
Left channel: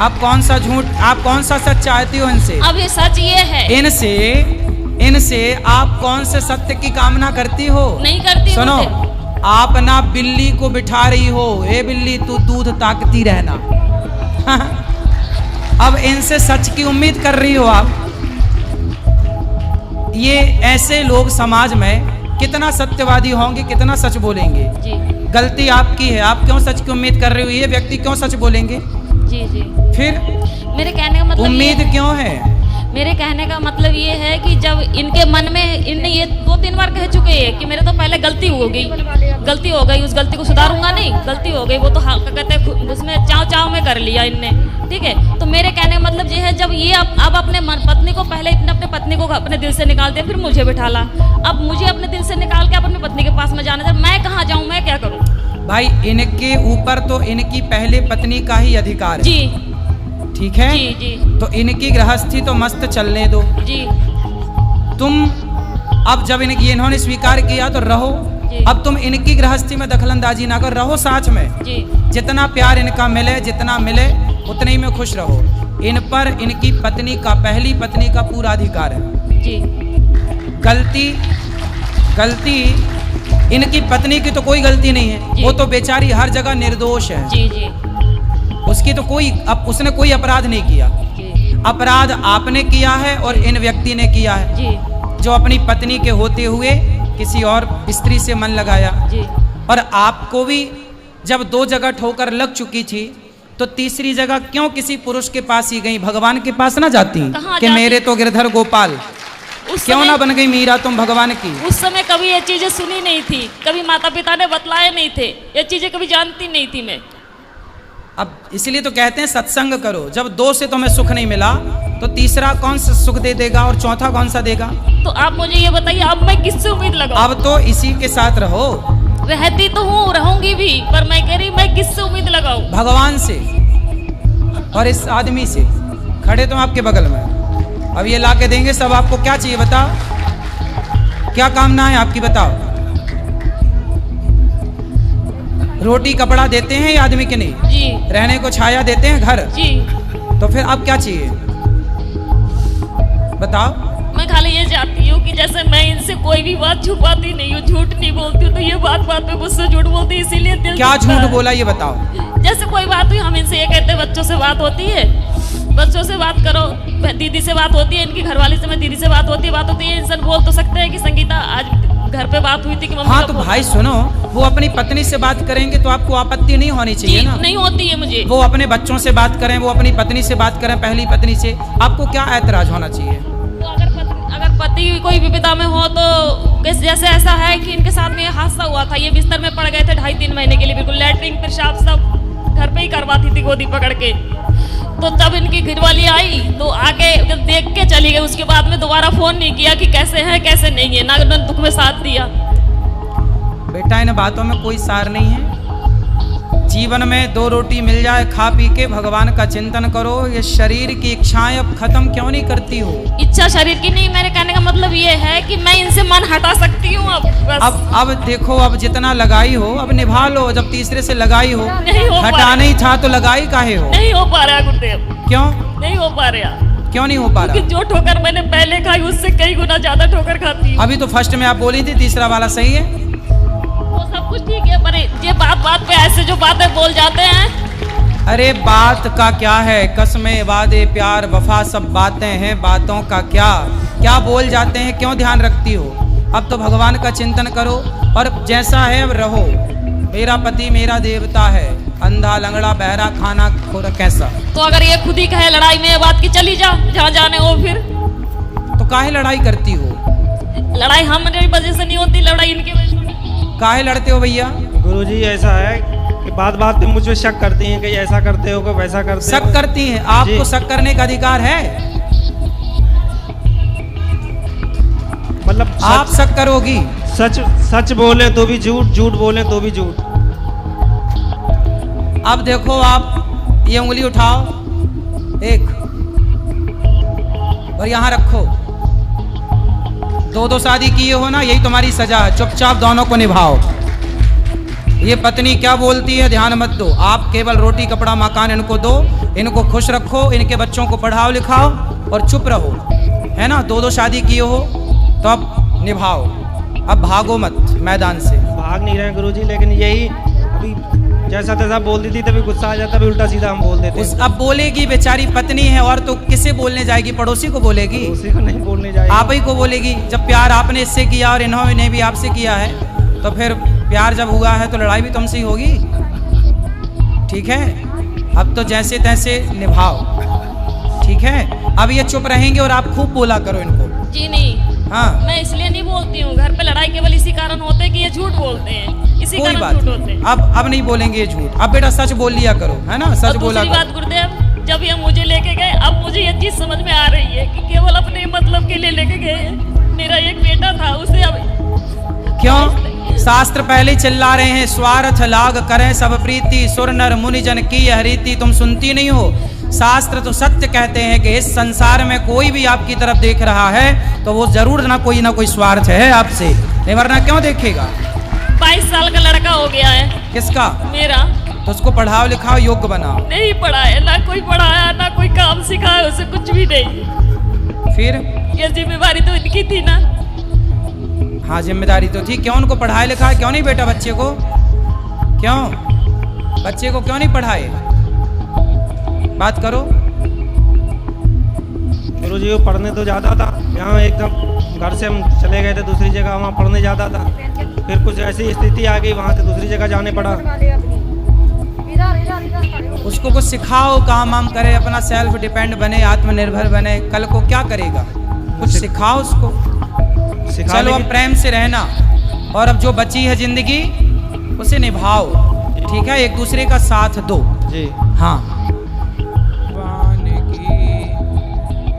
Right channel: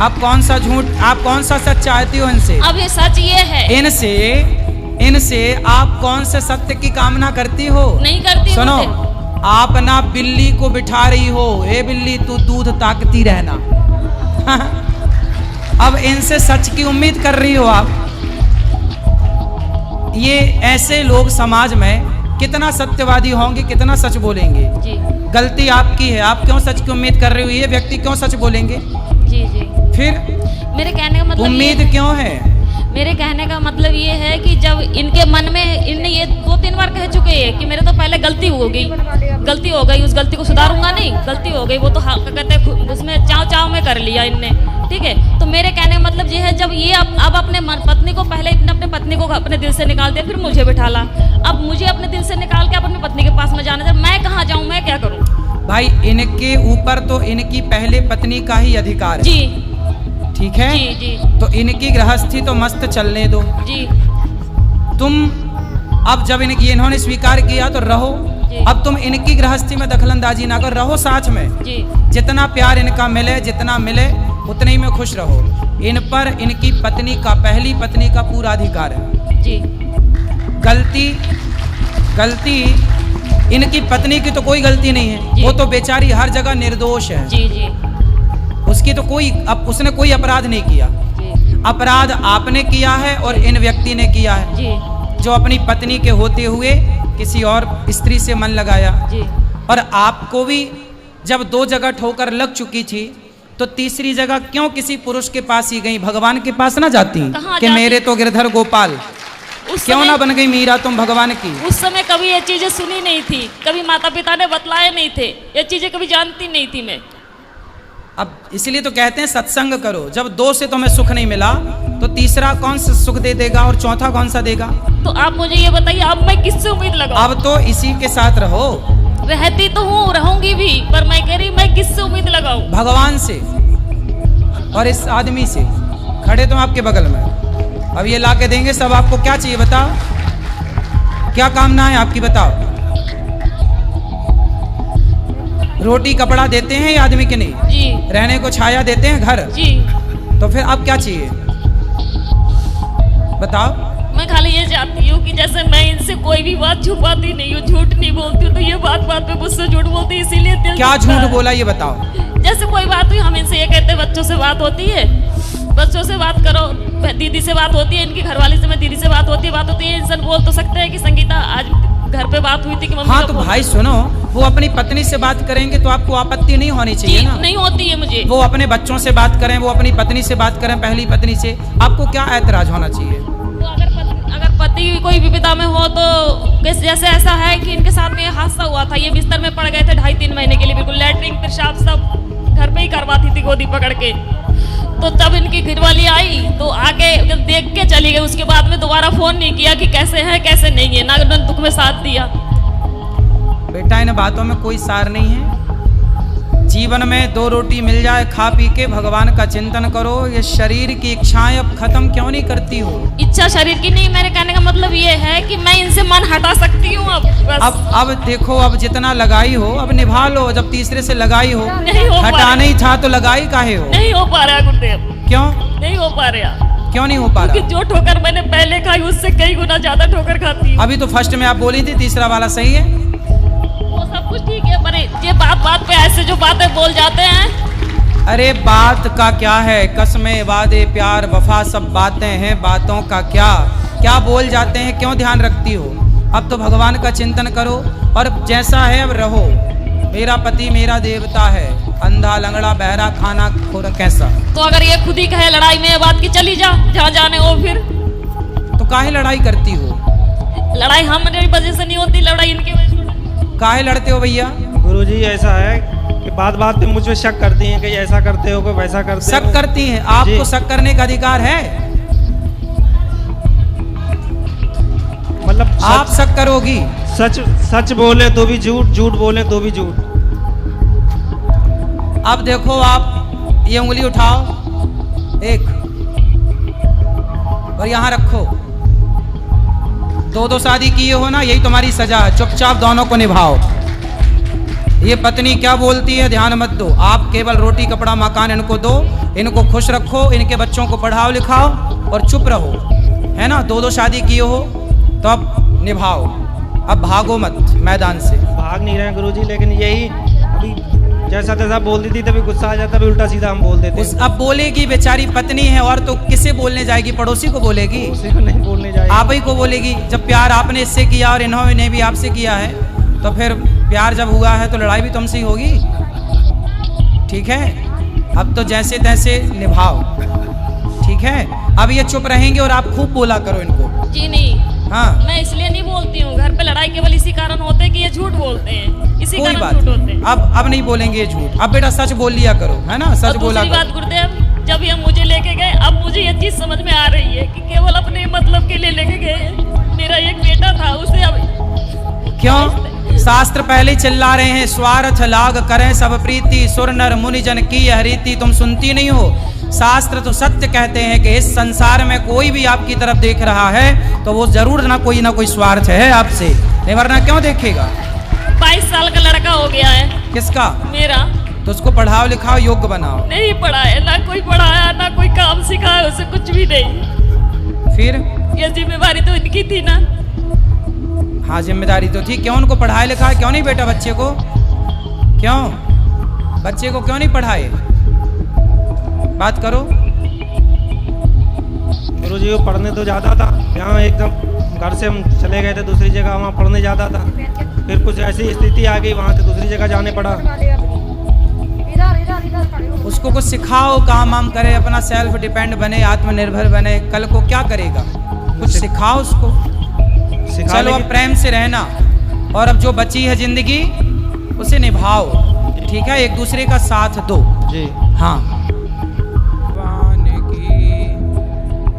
आप कौन सा झूठ, आप कौन सा सच चाहती हो इनसे? अब ये सच ये है, इनसे आप कौन से सत्य की कामना करती हो? नहीं करती। सुनो, आप ना बिल्ली को बिठा रही हो, ए बिल्ली तू दूध ताकती रहना। अब इनसे सच की उम्मीद कर रही हो आप। ये ऐसे लोग समाज में कितना सत्यवादी होंगे, कितना सच बोलेंगे जी। गलती आपकी है, आप क्यों सच की उम्मीद कर रही हो? ये व्यक्ति क्यों सच बोलेंगे? जी जी। फिर मेरे कहने का मतलब उम्मीद क्यों है? मेरे कहने का मतलब ये है कि जब इनके मन में, इनने ये 2-3 बार कह चुके हैं कि मेरे तो पहले गलती हो गई, उस गलती को सुधारूंगा नहीं, गलती हो गई, वो तो कहते उसमें चाव में कर लिया इनने, ठीक है। तो मेरे कहने का मतलब ये है, जब ये अब अपने पत्नी को, पहले अपने पत्नी को अपने दिल से निकाल दिया, फिर मुझे बिठाला, अब मुझे अपने दिल से निकाल के अपनी पत्नी के पास में जाना था, मैं कहाँ जाऊँ, मैं क्या करूँ? भाई इनके ऊपर तो इनकी पहले पत्नी का ही अधिकार है जी, ठीक है जी जी। तो इनकी गृहस्थी तो मस्त चलने दो जी। तुम अब जब इन्होंने स्वीकार किया तो रहो, अब तुम इनकी गृहस्थी में दखलंदाजी ना करो, रहो साथ में जी। जितना प्यार इनका मिले, जितना मिले उतने ही में खुश रहो। इन पर इनकी पत्नी का, पहली पत्नी का पूरा अधिकार है जी। गलती इनकी पत्नी की तो कोई गलती नहीं है, वो तो बेचारी हर जगह निर्दोष है जी जी। उसकी तो उसने कोई अपराध नहीं किया जी। अपराध आपने किया है और इन व्यक्ति ने किया है जी। जो अपनी पत्नी के होते हुए किसी और स्त्री से मन लगाया जी। और आपको भी जब 2 जगह ठोकर लग चुकी थी तो तीसरी जगह क्यों किसी पुरुष के पास ही गई? भगवान के पास ना जाती कि मेरे तो गिरधर गोपाल, क्यों ना बन गई मीरा तुम भगवान की? उस समय कभी ये चीजें सुनी नहीं थी, कभी माता पिता ने बतलाए नहीं थे, ये चीजें कभी जानती नहीं थी मैं। अब इसलिए तो कहते हैं सत्संग करो। जब 2 से तुम्हें सुख नहीं मिला तो तीसरा कौन सा सुख दे देगा और चौथा कौन सा देगा? तो आप मुझे ये बताइए, अब मैं किससे उम्मीद लगाऊं? अब तो इसी के साथ रहो। रहती तो हूँ, रहूंगी भी, पर मैं कह रही मैं किससे उम्मीद लगाऊं? भगवान से और इस आदमी से। खड़े तुम आपके बगल में, अब ये ला के देंगे सब। आपको क्या चाहिए बताओ, क्या कामना है आपकी बताओ? रोटी कपड़ा देते हैं ये आदमी के नहीं? जी। रहने को छाया देते हैं घर? जी। तो फिर अब क्या चाहिए बताओ? मैं खाली ये चाहती हूँ कि जैसे मैं इनसे कोई भी बात छुपाती नहीं हूँ, झूठ नहीं बोलती हूँ, तो ये बात पे मुझसे झूठ बोलती, इसीलिए दिल क्या झूठ बोला ये बताओ? जैसे कोई बात हुई, हम इनसे ये कहते हैं बच्चों से बात होती है, बच्चों से बात करो, दीदी से बात होती है, इनकी घरवाली से मैं दीदी से बात होती है, इंसान बोल तो सकते हैं कि संगीता आज घर पे बात हुई थी कि मम्मी। हाँ तो भाई सुनो, वो अपनी पत्नी से बात करेंगे तो आपको आपत्ति नहीं होनी चाहिए ना? नहीं होती है मुझे। वो अपने बच्चों से बात करें, वो अपनी पत्नी से बात करें, पहली पत्नी से, आपको क्या ऐतराज होना चाहिए? तो अगर पति कोई विपदा में हो तो जैसे ऐसा है कि इनके साथ में हादसा हुआ था, ये बिस्तर में पड़ गए थे 2.5-3 महीने के लिए, बिल्कुल लैट्रिन पेशाब सब घर पे ही करवाती थी गोदी पकड़ के। तो जब इनकी घरवाली आई तो आके देख के चली गई, उसके बाद में दोबारा फोन नहीं किया कि कैसे है कैसे नहीं है, ना दुख में साथ दिया। बेटा इन बातों में कोई सार नहीं है। जीवन में 2 रोटी मिल जाए खा पी के भगवान का चिंतन करो। ये शरीर की इच्छाएं अब खत्म क्यों नहीं करती हो? इच्छा शरीर की नहीं, मेरे कहने का मतलब ये है कि मैं इनसे मन हटा सकती हूँ अब बस। अब देखो, अब जितना लगाई हो अब निभा लो। जब तीसरे से लगाई हो, नहीं हो हटा नहीं था तो लगाई काहे हो? नहीं हो पा रहा गुरुदेव। क्यों नहीं हो पा रहा? क्यों नहीं हो पा रहा? जो ठोकर मैंने पहले खाई उससे कई गुना ज्यादा ठोकर खाती। अभी तो फर्स्ट में आप बोली थी, तीसरा वाला सही है, वो सब कुछ ठीक है, पर ये बात पे ऐसे जो बातें बोल जाते हैं अरे बात का क्या है, कसमें वादे प्यार वफा सब बातें हैं, बातों का क्या क्या बोल जाते हैं, क्यों ध्यान रखती हो। अब तो भगवान का चिंतन करो और जैसा है अब रहो। मेरा पति मेरा देवता है, अंधा लंगड़ा बहरा खाना खोरा कैसा। तो अगर ये खुद ही कहे लड़ाई में ये बात की चली जा जहाँ जाने हो, फिर तो काहे लड़ाई करती हो। लड़ाई हमारी वजह से नहीं होती, लड़ाई इनकी वजह से। काहे लड़ते हो भैया। गुरुजी ऐसा है कि बात बात पे मुझ पे शक करती हैं कि ऐसा करते हो कि वैसा करते हो। शक करती हैं, आपको शक करने का अधिकार है। मतलब आप शक करोगी। सच सच बोले तो भी झूठ, झूठ बोले तो भी झूठ। अब देखो आप ये उंगली उठाओ एक और यहाँ रखो। दो शादी किए हो ना, यही तुम्हारी सजा है। चुपचाप दोनों को निभाओ। ये पत्नी क्या बोलती है ध्यान मत दो। आप केवल रोटी कपड़ा मकान इनको दो, इनको खुश रखो, इनके बच्चों को पढ़ाओ लिखाओ और चुप रहो, है ना। दो शादी किए हो तो अब निभाओ, अब भागो मत मैदान से। भाग नहीं रहे गुरुजी, लेकिन यही अभी जैसा तैसा बोल देती तभी गुस्सा आ जाता, अभी उल्टा सीधा हम बोल देते हैं। अब बोलेगी, बेचारी पत्नी है और तो किसे बोलने जाएगी, पड़ोसी को बोलेगी, उसी को नहीं बोलने जाएगी, आप ही को बोलेगी। जब प्यार आपने इससे किया और इन्होंने भी आपसे किया है, तो फिर प्यार जब हुआ है तो लड़ाई भी तुमसे ही होगी। ठीक है, अब तो जैसे तैसे निभाओ, ठीक है। अब ये चुप रहेंगे और आप खूब बोला करो इनको। जी नहीं, हाँ, मैं इसलिए नहीं बोलती हूँ। घर पे लड़ाई केवल इसी कारण होते कि ये झूठ बोलते हैं, इसी कोई कारण बात झूठ होते नहीं। हैं। अब नहीं बोलेंगे ये झूठ। अब बेटा सच बोल लिया करो, है ना, सच और बोला दूसरी करो। बात गुरुदेव, जब ये मुझे लेके गए, अब मुझे ये चीज समझ में आ रही है कि केवल अपने मतलब के लिए लेके गए। मेरा एक बेटा था, उसे अब क्यों शास्त्र पहले ही चिल्ला रहे हैं, स्वार्थ लाग करें सब प्रीति, सुर नर मुनि जन की यह रीति। तुम सुनती नहीं हो। शास्त्र तो सत्य कहते हैं कि इस संसार में कोई भी आपकी तरफ देख रहा है तो वो जरूर ना कोई स्वार्थ है आपसे, नहीं वरना क्यों देखेगा। 22 साल का लड़का हो गया है। किसका? मेरा। तो उसको पढ़ाओ लिखाओ, योग्य बनाओ। नहीं पढ़ाया, ना कोई पढ़ाया, ना कोई काम सिखाया, उसे कुछ भी नहीं। फिर ये जिम्मेवारी तो इनकी थी ना। हाँ, जिम्मेदारी तो थी। क्यों उनको पढ़ाए लिखाए क्यों नहीं बेटा बच्चे को? क्यों बच्चे को क्यों नहीं पढ़ाए? बात करो। गुरुजी वो पढ़ने तो जाता था, यहाँ एकदम घर से हम चले गए थे दूसरी जगह, वहाँ पढ़ने जाता था। फिर कुछ ऐसी स्थिति आ गई, वहाँ से दूसरी जगह जाने पड़ा। उसको कुछ सिखाओ, काम वाम करे, अपना सेल्फ डिपेंड बने, आत्मनिर्भर बने। कल को क्या करेगा, कुछ सिखाओ उसको। चलो अब प्रेम से रहना, और अब जो बची है जिंदगी उसे निभाओ, ठीक है। एक दूसरे का साथ दो जी। हाँ।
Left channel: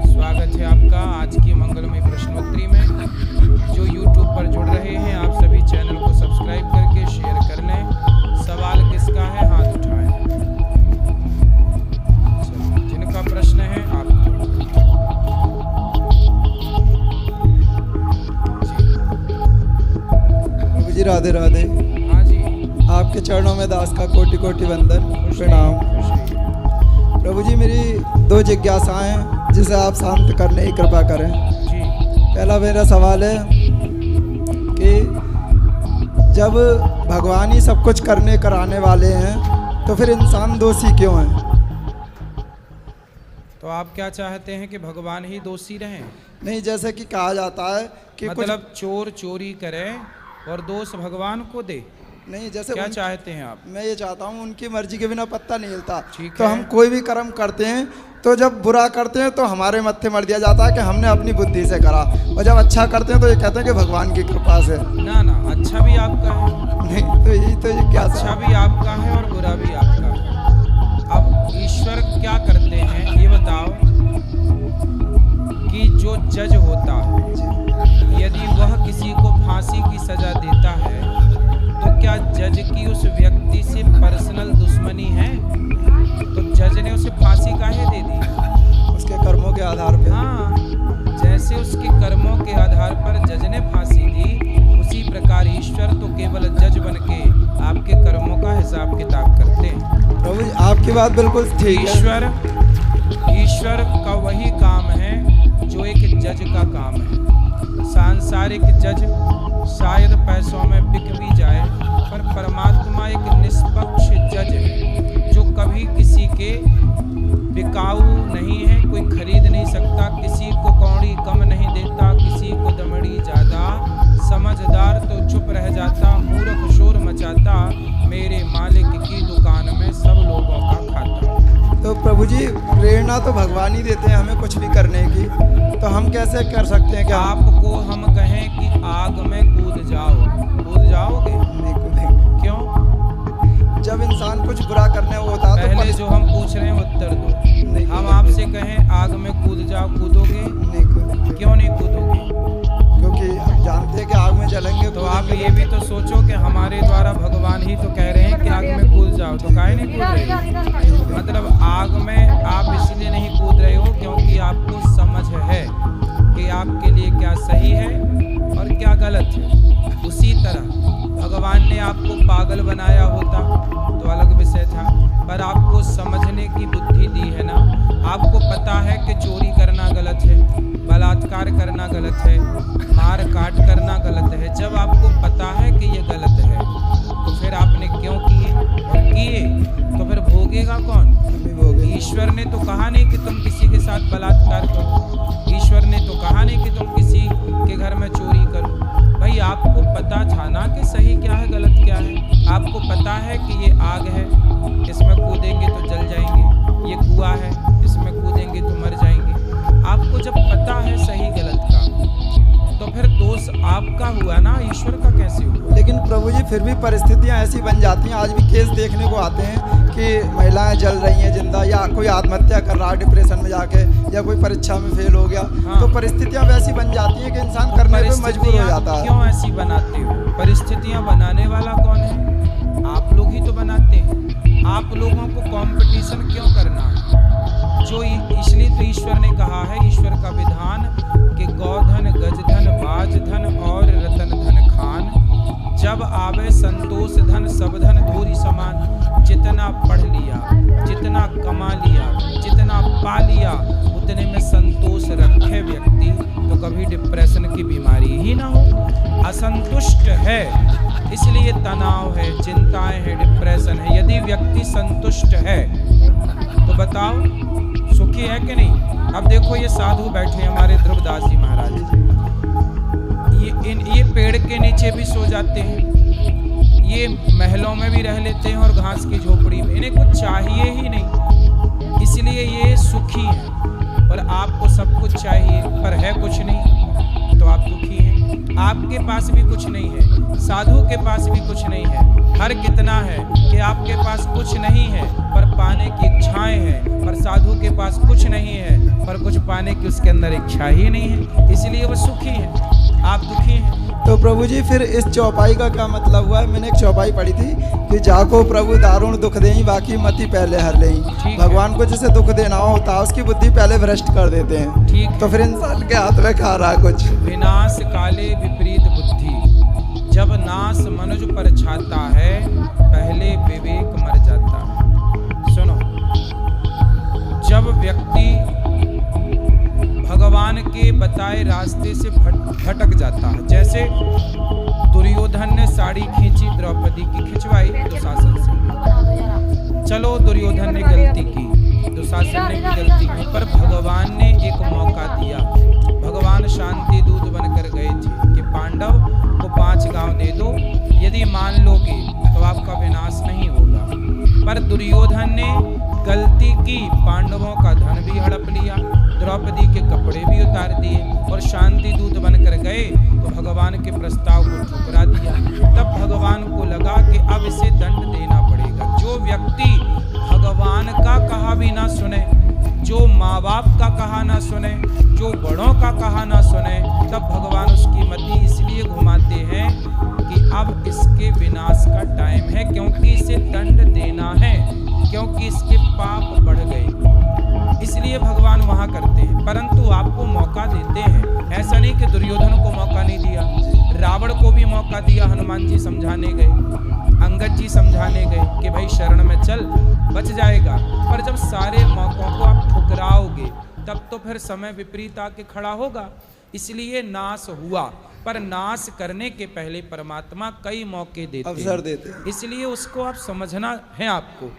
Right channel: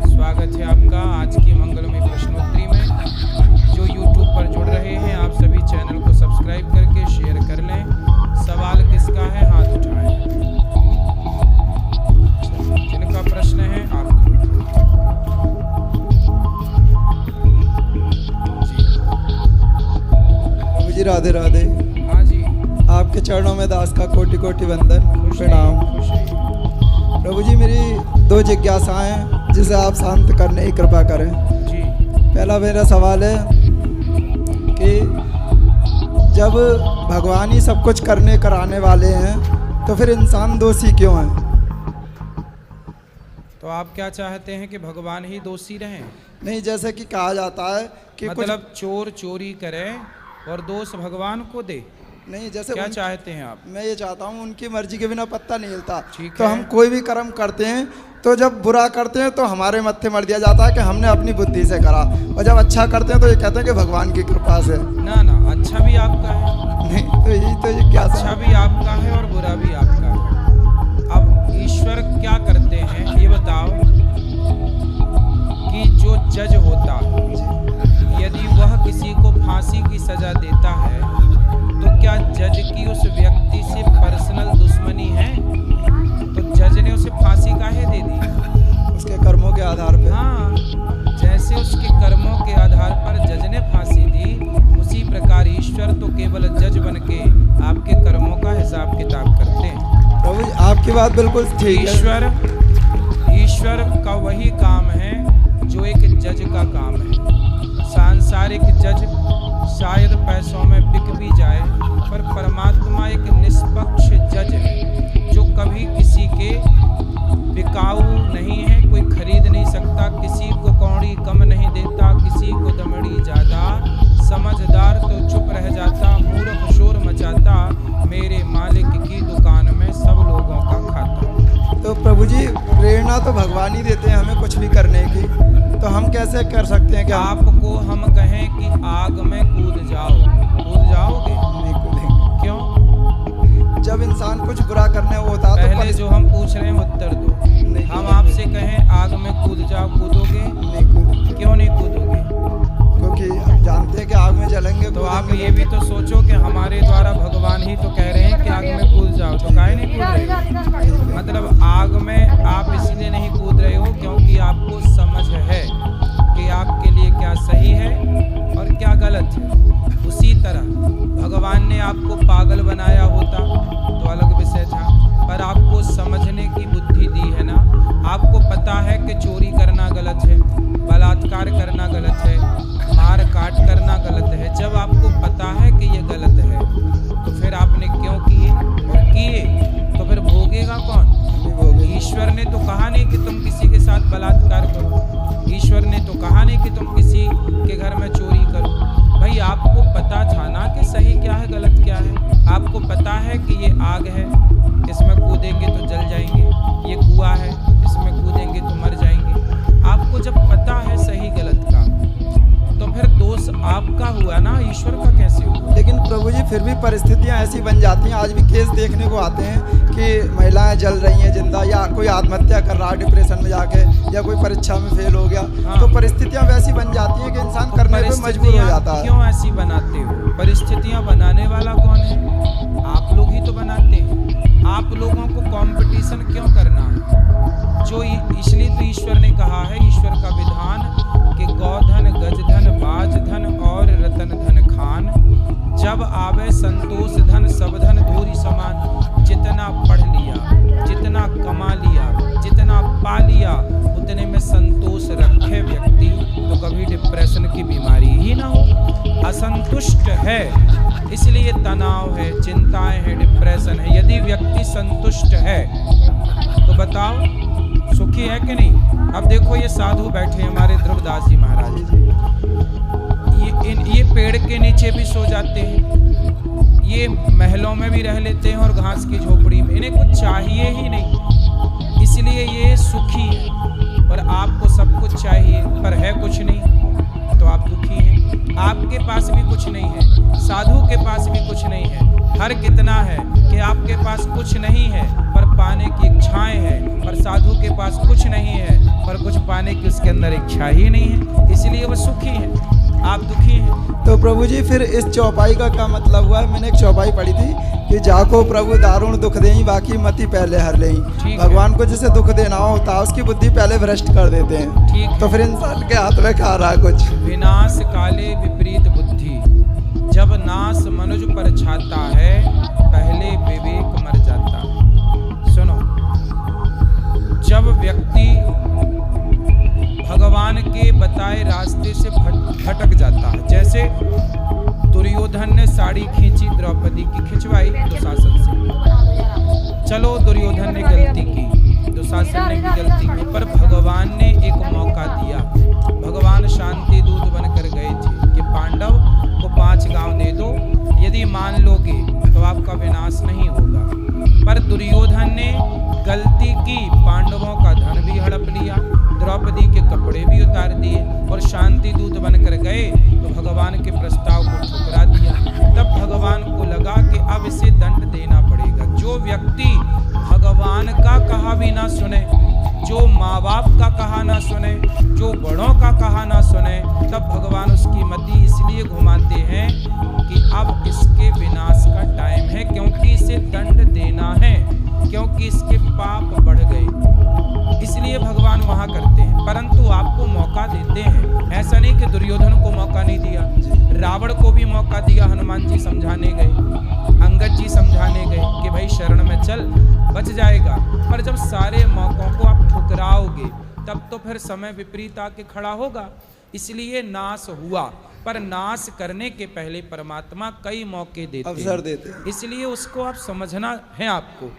स्वागत है आपका आज की मंगलमय प्रश्नोत्तरी में। जो YouTube पर जुड़ रहे हैं, आप सभी चैनल को सब्सक्राइब करके शेयर कर लें। सवाल किसका है, हाथ उठाएं। जिनका प्रश्न है आप प्रभु जी राधे राधे। हाँ जी, आपके चरणों में दास का कोटि कोटि वंदन खुश प्रणाम। रहिए, खुश रहिए। प्रभु जी मेरी 2 जिज्ञासाएं जिसे आप शांत करने की कृपा करें। जी, पहला मेरा सवाल है कि जब भगवान ही सब कुछ करने कराने वाले हैं तो फिर इंसान दोषी क्यों है? तो आप क्या चाहते हैं कि भगवान ही दोषी रहें? नहीं, जैसे कि कहा जाता है कि मतलब चोर चोरी करे और दोष भगवान को दे? नहीं, जैसे क्या चाहते हैं आप? मैं ये चाहता हूँ उनकी मर्जी के बिना पत्ता नहीं हिलता। ठीक तो है। हम कोई भी कर्म करते हैं तो जब बुरा करते हैं तो हमारे मत्थे मर दिया जाता है कि हमने अपनी बुद्धि से करा, और जब अच्छा करते हैं तो ये कहते हैं कि भगवान की कृपा से। ना ना, अच्छा भी आपका है। नहीं, तो यही तो ये क्या अच्छा भी आपका है और बुरा भी आपका है। अब ईश्वर क्या करते हैं ये बताओ कि जो जज होता है, यदि वह किसी को फांसी की सजा देता है तो क्या जज की उस व्यक्ति से पर्सनल दुश्मनी है? तो जज ने उसे फांसी काहे दे दी? उसके कर्मों के आधार पर। हाँ, जैसे उसके कर्मों के आधार पर जज ने फांसी दी, उसी प्रकार ईश्वर तो केवल जज बन के आपके कर्मों का हिसाब किताब करते हैं। प्रभु जी आपकी बात बिल्कुल ठीक है। ईश्वर का वही काम है जो एक जज का काम है। सांसारिक जज शायद पैसों में बिक भी जाए, पर परमात्मा एक निष्पक्ष जज है जो कभी किसी के बिकाऊ नहीं है, कोई खरीद नहीं सकता, किसी को कौड़ी कम नहीं देता, किसी को दमड़ी ज्यादा, समझदार तो चुप रह जाता, मूर्ख शोर मचाता, मेरे मालिक की दुकान में सब लोगों का खाता। तो प्रभु जी प्रेरणा तो भगवान ही देते हैं हमें कुछ भी करने की, तो हम कैसे कर सकते हैं? क्या आपको हम कहें कि आग में कूद जाओ, कूद जाओगे? नहीं कूदेंगे। क्यों? जब इंसान कुछ बुरा करने को होता है पहले जो हम पूछ रहे हैं उत्तर दो। नहीं हम कूदेंगे। आपसे कहें आग में कूद जाओ, कूदोगे? नहीं कूदेंगे। क्यों नहीं कूदोगे? क्योंकि आप जानते हैं कि आग में जलेंगे। तो आप ये भी तो सोचो कि हमारे द्वारा भगवान ही तो कह रहे हैं कि आग में कूद जाओ, तो काहे नहीं कूद रहे? मतलब आग में आप इसलिए नहीं कूद रहे हो क्योंकि आपको समझ है कि आपके लिए क्या सही है और क्या गलत है। उसी तरह भगवान ने आपको पागल बनाया होता तो अलग विषय था, पर आपको समझने की बुद्धि दी है ना। आपको पता है कि चोरी करना गलत है, बलात्कार करना गलत है, मार काट करना गलत है। जब आपको पता है कि ये गलत है तो फिर आपने क्यों किए, और किए तो फिर भोगेगा कौन? हमें भोगे। ईश्वर ने तो कहा नहीं कि तुम किसी के साथ बलात्कार करो, ईश्वर ने तो कहा नहीं कि तुम किसी के घर में चोरी करो। भाई आपको पता था ना कि सही क्या है गलत क्या है। आपको पता है कि ये आग है, इसमें कूदेंगे तो जल जाएंगे, ये कुआं है, इसमें कूदेंगे तो मर जाएंगे। आपको जब पता है सही गलत का तो फिर दोष आपका हुआ ना, ईश्वर का कैसे हुआ? लेकिन प्रभु जी फिर भी परिस्थितियां ऐसी बन जाती हैं। आज भी केस देखने को आते हैं कि महिलाएं जल रही हैं जिंदा, या कोई आत्महत्या कर रहा है डिप्रेशन में जाके, या कोई परीक्षा में फेल हो गया। हाँ। तो परिस्थितियां वैसी बन जाती हैं कि इंसान करने पे मजबूर हो जाता है। क्यों ऐसी बनाते हो? परिस्थितियां बनाने वाला कौन है? आप लोग ही तो बनाते हैं। आप लोगों को कंपटीशन क्यों करना है? जो इसलिए तो ईश्वर ने कहा है, ईश्वर का विधान कि गौधन गजधन बाजधन और रतन धन खान, जब आवे संतोष धन सब धन धूरी समान। जितना पढ़ लिया, जितना कमा लिया, जितना पा लिया, उतने में संतोष रखे व्यक्ति तो कभी डिप्रेशन की बीमारी ही ना हो। असंतुष्ट है इसलिए तनाव है, चिंताएं हैं, डिप्रेशन है। यदि व्यक्ति संतुष्ट है तो बताओ सुखी है कि नहीं? अब देखो ये साधु बैठे हमारे ध्रुवदास जी महाराज, ये पेड़ के नीचे भी सो जाते हैं, ये महलों में भी रह लेते हैं और घास की झोपड़ी में, इन्हें कुछ चाहिए ही नहीं, इसलिए ये सुखी हैं। पर आपको सब कुछ चाहिए पर है कुछ नहीं तो आप दुखी हैं। आपके पास भी कुछ नहीं है, साधु के पास भी कुछ नहीं है। हर कितना है कि आपके पास कुछ नहीं है पर पाने की इच्छाएं हैं, पर साधु के पास कुछ नहीं है पर कुछ पाने की उसके अंदर इच्छा ही नहीं है, इसलिए वो सुखी हैं, आप दुखी हैं। तो प्रभु जी फिर इस चौपाई का क्या मतलब हुआ है? मैंने एक चौपाई पढ़ी थी कि जाको प्रभु दारुण दुख देई बाकी मति पहले हर लेई। भगवान को जैसे दुख देना होता है उसकी बुद्धि पहले भ्रष्ट कर देते हैं। ठीक तो फिर इंसान के हाथ में खा रहा कुछ। विनाश काले विपरीत बुद्धि, जब नाश मनुज पर छाता है पहले विवेक मर जाता है। सुनो, जब व्यक्ति भगवान के बताए रास्ते से भटक जाता है, जैसे दुर्योधन ने साड़ी खींची द्रौपदी की, खिंचवाई दुशासन से, चलो दुर्योधन ने गलती की, दुशासन ने भी गलती की, पर भगवान ने एक मौका दिया। भगवान शांति दूत बनकर गए थे कि पांडव को 5 गांव दे दो, यदि मान लोगे तो आपका विनाश नहीं होगा। पर दुर्योधन ने गलती की, पांडवों का धन भी हड़प लिया, द्रौपदी के कपड़े भी उतार दिए और शांति दूत बनकर गए तो भगवान के प्रस्ताव को ठुकरा दिया। तब भगवान को लगा कि अब इसे दंड देना पड़ेगा। जो व्यक्ति भगवान का कहा भी ना सुने, जो माँ बाप का कहा ना सुने, जो बड़ों का कहा ना सुने, तब भगवान उसकी मति इसलिए घुमाते हैं कि अब इसके विनाश का टाइम है, क्योंकि इसे दंड देना है, क्योंकि इसके पाप बढ़ गए, इसलिए भगवान वहां करते हैं। परंतु आपको मौका देते हैं, ऐसा नहीं कि दुर्योधन को मौका नहीं दिया, रावण को भी मौका दिया। हनुमान जी समझाने गए, अंगद जी समझाने गए कि भाई शरण में चल, बच जाएगा। पर जब सारे मौकों को आप ठुकराओगे तब तो फिर समय विपरीत आके खड़ा होगा। इसलिए नाश हुआ, पर नाश करने के पहले परमात्मा कई मौके देते हैं, अवसर देते हैं। इसलिए उसको आप समझना है आपको।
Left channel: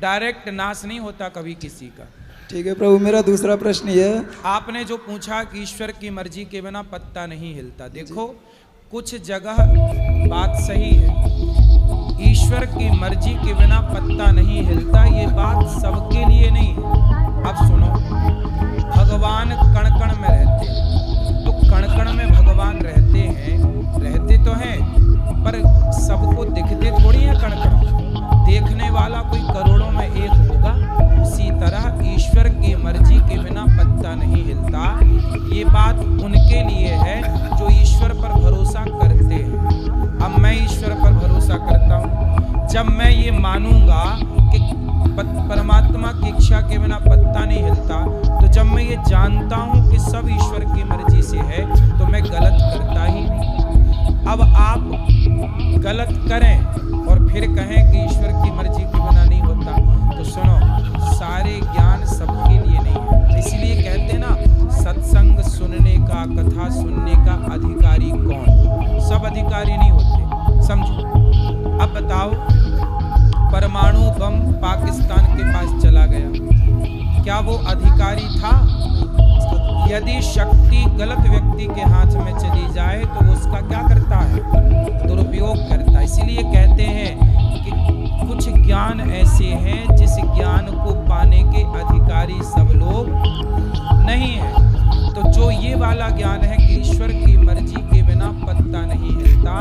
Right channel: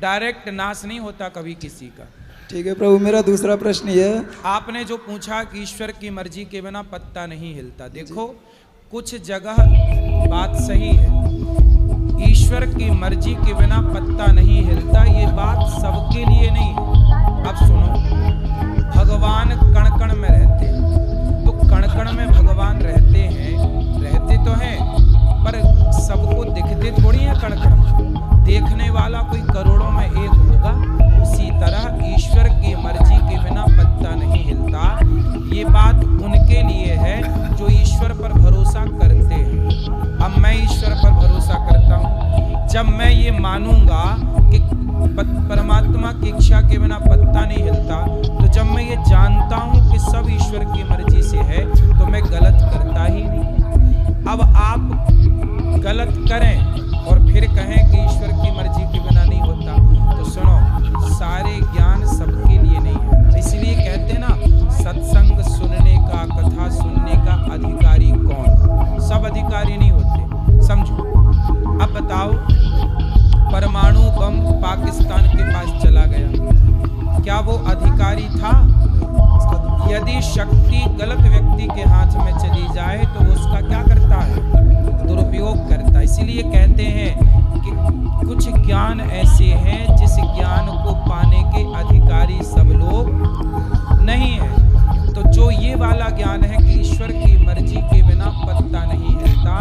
डायरेक्ट नाश नहीं होता कभी किसी का। ठीक है प्रभु, मेरा दूसरा प्रश्न ये है, आपने जो पूछा कि ईश्वर की मर्जी के बिना पत्ता नहीं हिलता, देखो कुछ जगह बात सही है, ईश्वर की मर्जी के बिना पत्ता नहीं हिलता, ये बात सबके लिए नहीं है। अब सुनो, भगवान कण कण में रहते हैं, तो कण कण में भगवान रहते हैं, रहते तो हैं, पर सबको दिखते थोड़ी है कण कण, देखने वाला कोई करोड़ों में एक होगा। उसी तरह ईश्वर की मर्जी के बिना पत्ता नहीं हिलता, ये बात उनके लिए है जो ईश्वर पर भरोसा करते हैं। अब मैं ईश्वर पर भरोसा करता हूँ, जब मैं ये मानूंगा कि परमात्मा की इच्छा के बिना पत्ता नहीं हिलता, तो जब मैं ये जानता हूँ कि सब ईश्वर की मर्जी से है, तो मैं गलत करता ही नहीं। अब आप गलत करें और फिर कहें कि ईश्वर की मर्जी के बिना नहीं होता, तो सुनो, सारे ज्ञान सबके लिए नहीं है। इसलिए कहते ना, सत्संग सुनने का, कथा सुनने का अधिकारी कौन? सब अधिकारी नहीं होते, समझो। अब बताओ, परमाणु बम पाकिस्तान के पास चला गया, क्या वो अधिकारी था? यदि शक्ति गलत व्यक्ति के हाथ में चली जाए तो वो उसका क्या करता है? दुरुपयोग करता है। इसीलिए कहते हैं कि कुछ ज्ञान ऐसे हैं जिस ज्ञान को पाने के अधिकारी सब लोग नहीं है। तो जो ये वाला ज्ञान है कि ईश्वर की मर्जी के बिना पत्ता नहीं हिलता,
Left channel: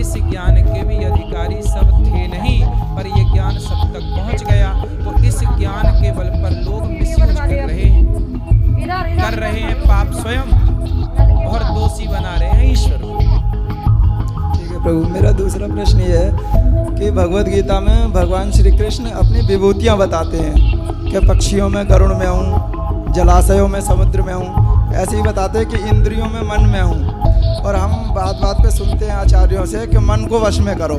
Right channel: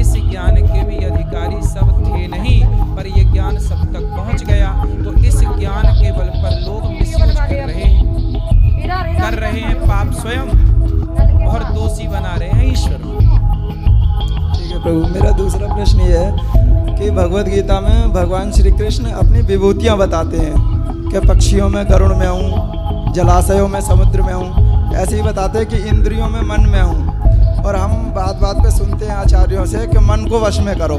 इस ज्ञान के भी अधिकारी सब थे नहीं, पर ये ज्ञान सब तक पहुंच गया। तो इस ज्ञान के बल पर लोग मिसयूज कर रहे हैं पाप स्वयं, और दोषी बना रहे हैं ईश्वर। ठीक है प्रभु, मेरा दूसरा प्रश्न ये है कि भगवत गीता में भगवान श्री कृष्ण अपनी विभूतियाँ बताते हैं कि पक्षियों में गरुड़ में हूँ, जलाशयों में समुद्र में हूँ, ऐसे ही बताते हैं कि इंद्रियों में मन में हूँ। और हम बात बात पे सुनते हैं आचार्यों से कि मन को वश में करो।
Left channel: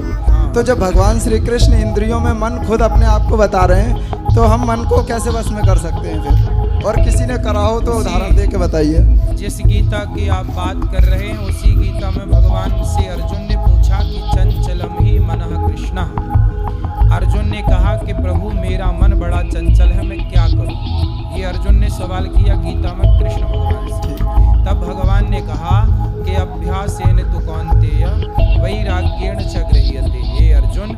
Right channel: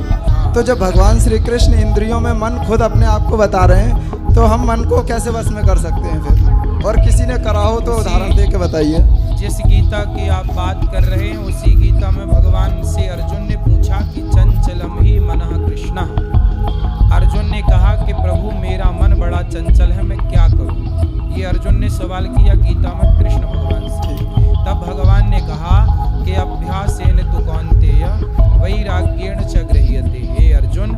तो जब भगवान श्री कृष्ण इंद्रियों में मन खुद अपने आप को बता रहे हैं, तो हम मन को कैसे वश में कर सकते हैं फिर? और किसी ने करा हो तो उदाहरण दे के बताइए। जिस गीता की आप बात कर रहे हैं, उसी गीता में भगवान से अर्जुन ने पूछा कि चंचलम ही मनः कृष्ण। अर्जुन ने कहा कि प्रभु मेरा मन बड़ा चंचल है, मैं क्या करूं? ये अर्जुन ने सवाल किया गीता में कृष्ण भगवान से। तब भगवान ने कहा कि अभ्यासेन तु कौन्तेय वैराग्येण च गृह्यते। हे अर्जुन,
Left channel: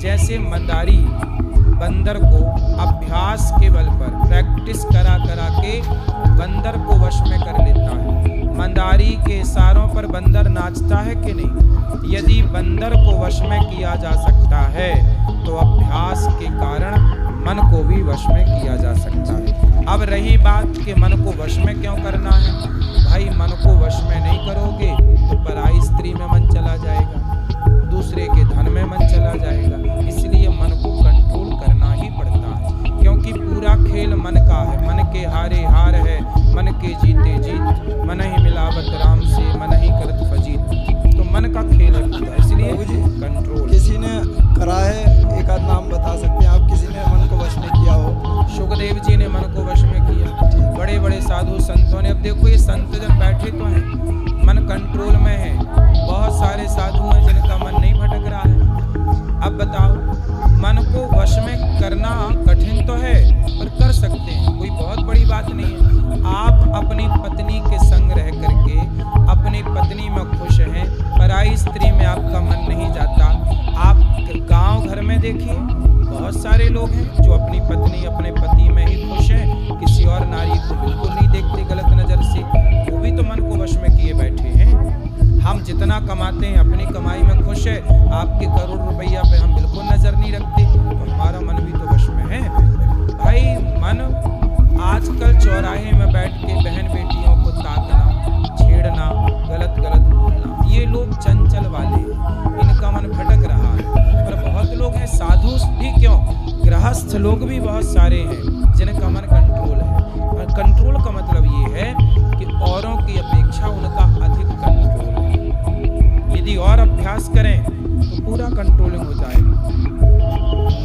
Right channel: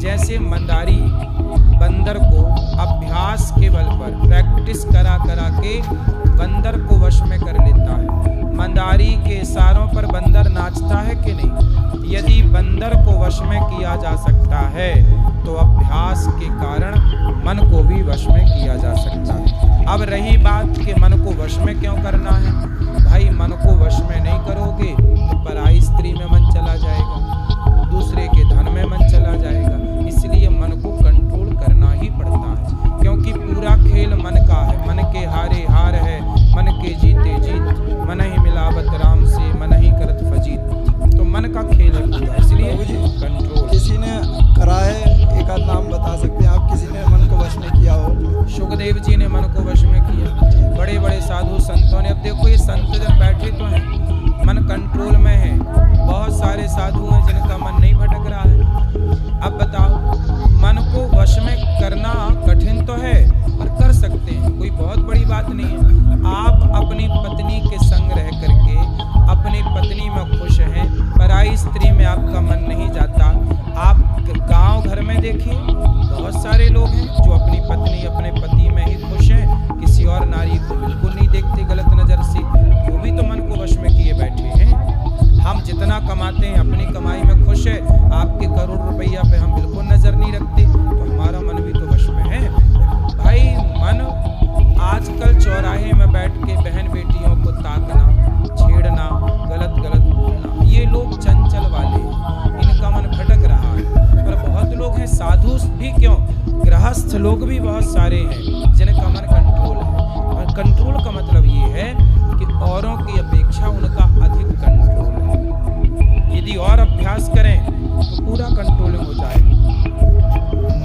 जैसे मंदारी बंदर को अभ्यास के बल पर, प्रैक्टिस करा करा के बंदर को वश में कर लेता है। मंदारी के इशारों पर बंदर नाचता है कि नहीं? यदि बंदर को वश में किया जा सकता है, तो अभ्यास के कारण मन को भी वश में किया जा सकता है। अब रही बात कि मन को वश में क्यों करना है, भाई मन को वश में नहीं करोगे तो पराई स्त्री में मन चला जाएगा, दूसरे के धन में मन चला जाएगा। इसलिए मन को कंट्रोल करना ही पड़ता है, क्योंकि पूरा खेल मन का है। मन के हारे हार है, मन के जीते जीत, मन ही मिलावत राम से, मन ही करत फजीत। तो मन का खेल है पूरा, इसलिए कंट्रोल। किसी ने करा है, एक आध नाम बता सकते हैं आप, किसी ने मन को वश में किया हो? सुखदेव जी ने मन को वश में किया, बड़े बड़े साधु संतों ने। अब देखो ये संत जन बैठे तो हैं, मन कंट्रोल में है। बहुत सारे साधु हैं जिनका मन नहीं भटक रहा है। अब बताओ, मन को वश में करना कठिन तो है, पर कर सकते हैं, कोई बहुत बड़ी बात नहीं है। आप अपनी पत्नी के संग रह करके अपनी पत्नी में खुश हैं, पराई स्त्री में आपका मन नहीं जाता। आप गांव घर में देखिए, बहुत सारे लोग हैं जो अपनी पत्नी अपने पति में ही खुश हैं, किसी और नारी को बिल्कुल नहीं देखते गलत नज़र से, वो भी तो मन को वश में किए बैठे हैं। हम जितना कमाते हैं अपनी कमाई में खुश है, आपके करोड़ रुपया पे हम बिल्कुल नज़र नहीं रखते, तो हमारा मन भी तो वश में है। भाई मन आजकल चौराहे में बैठ के बहन बेटियों को ताकना, छेड़ना, गलत गलत बोलना, ये लोग चंचल वाले, इनका मन भटक रहा है। पर बहुत लोग हैं, साधु भी क्यों, गृहस्थ लोग भी बहुत सारे हैं जिनका मन कंट्रोल है। और कंट्रोल का मतलब ये है कि औरों की अपेक्षा उनका अधिक कंट्रोल है। यदि और अभ्यास करें तो पूरा कंट्रोलिंग हो जाएगा।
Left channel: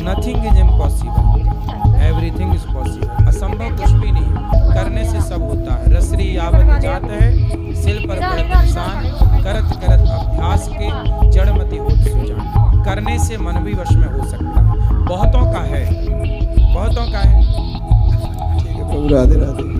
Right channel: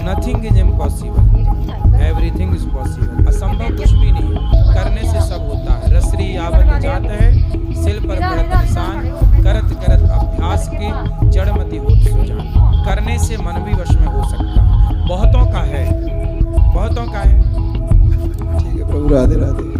Nothing is impossible, everything is possible. असंभव कुछ भी नहीं, करने से सब होता है। रसरी यावत जात है, सिल पर पड़त निशान, करत करत अभ्यास के जड़मति होत सुजान। करने से मन भी वश में हो सकता है। बहुतों का है, बहुतों का है। ठीक है प्रभु, राधे राधे।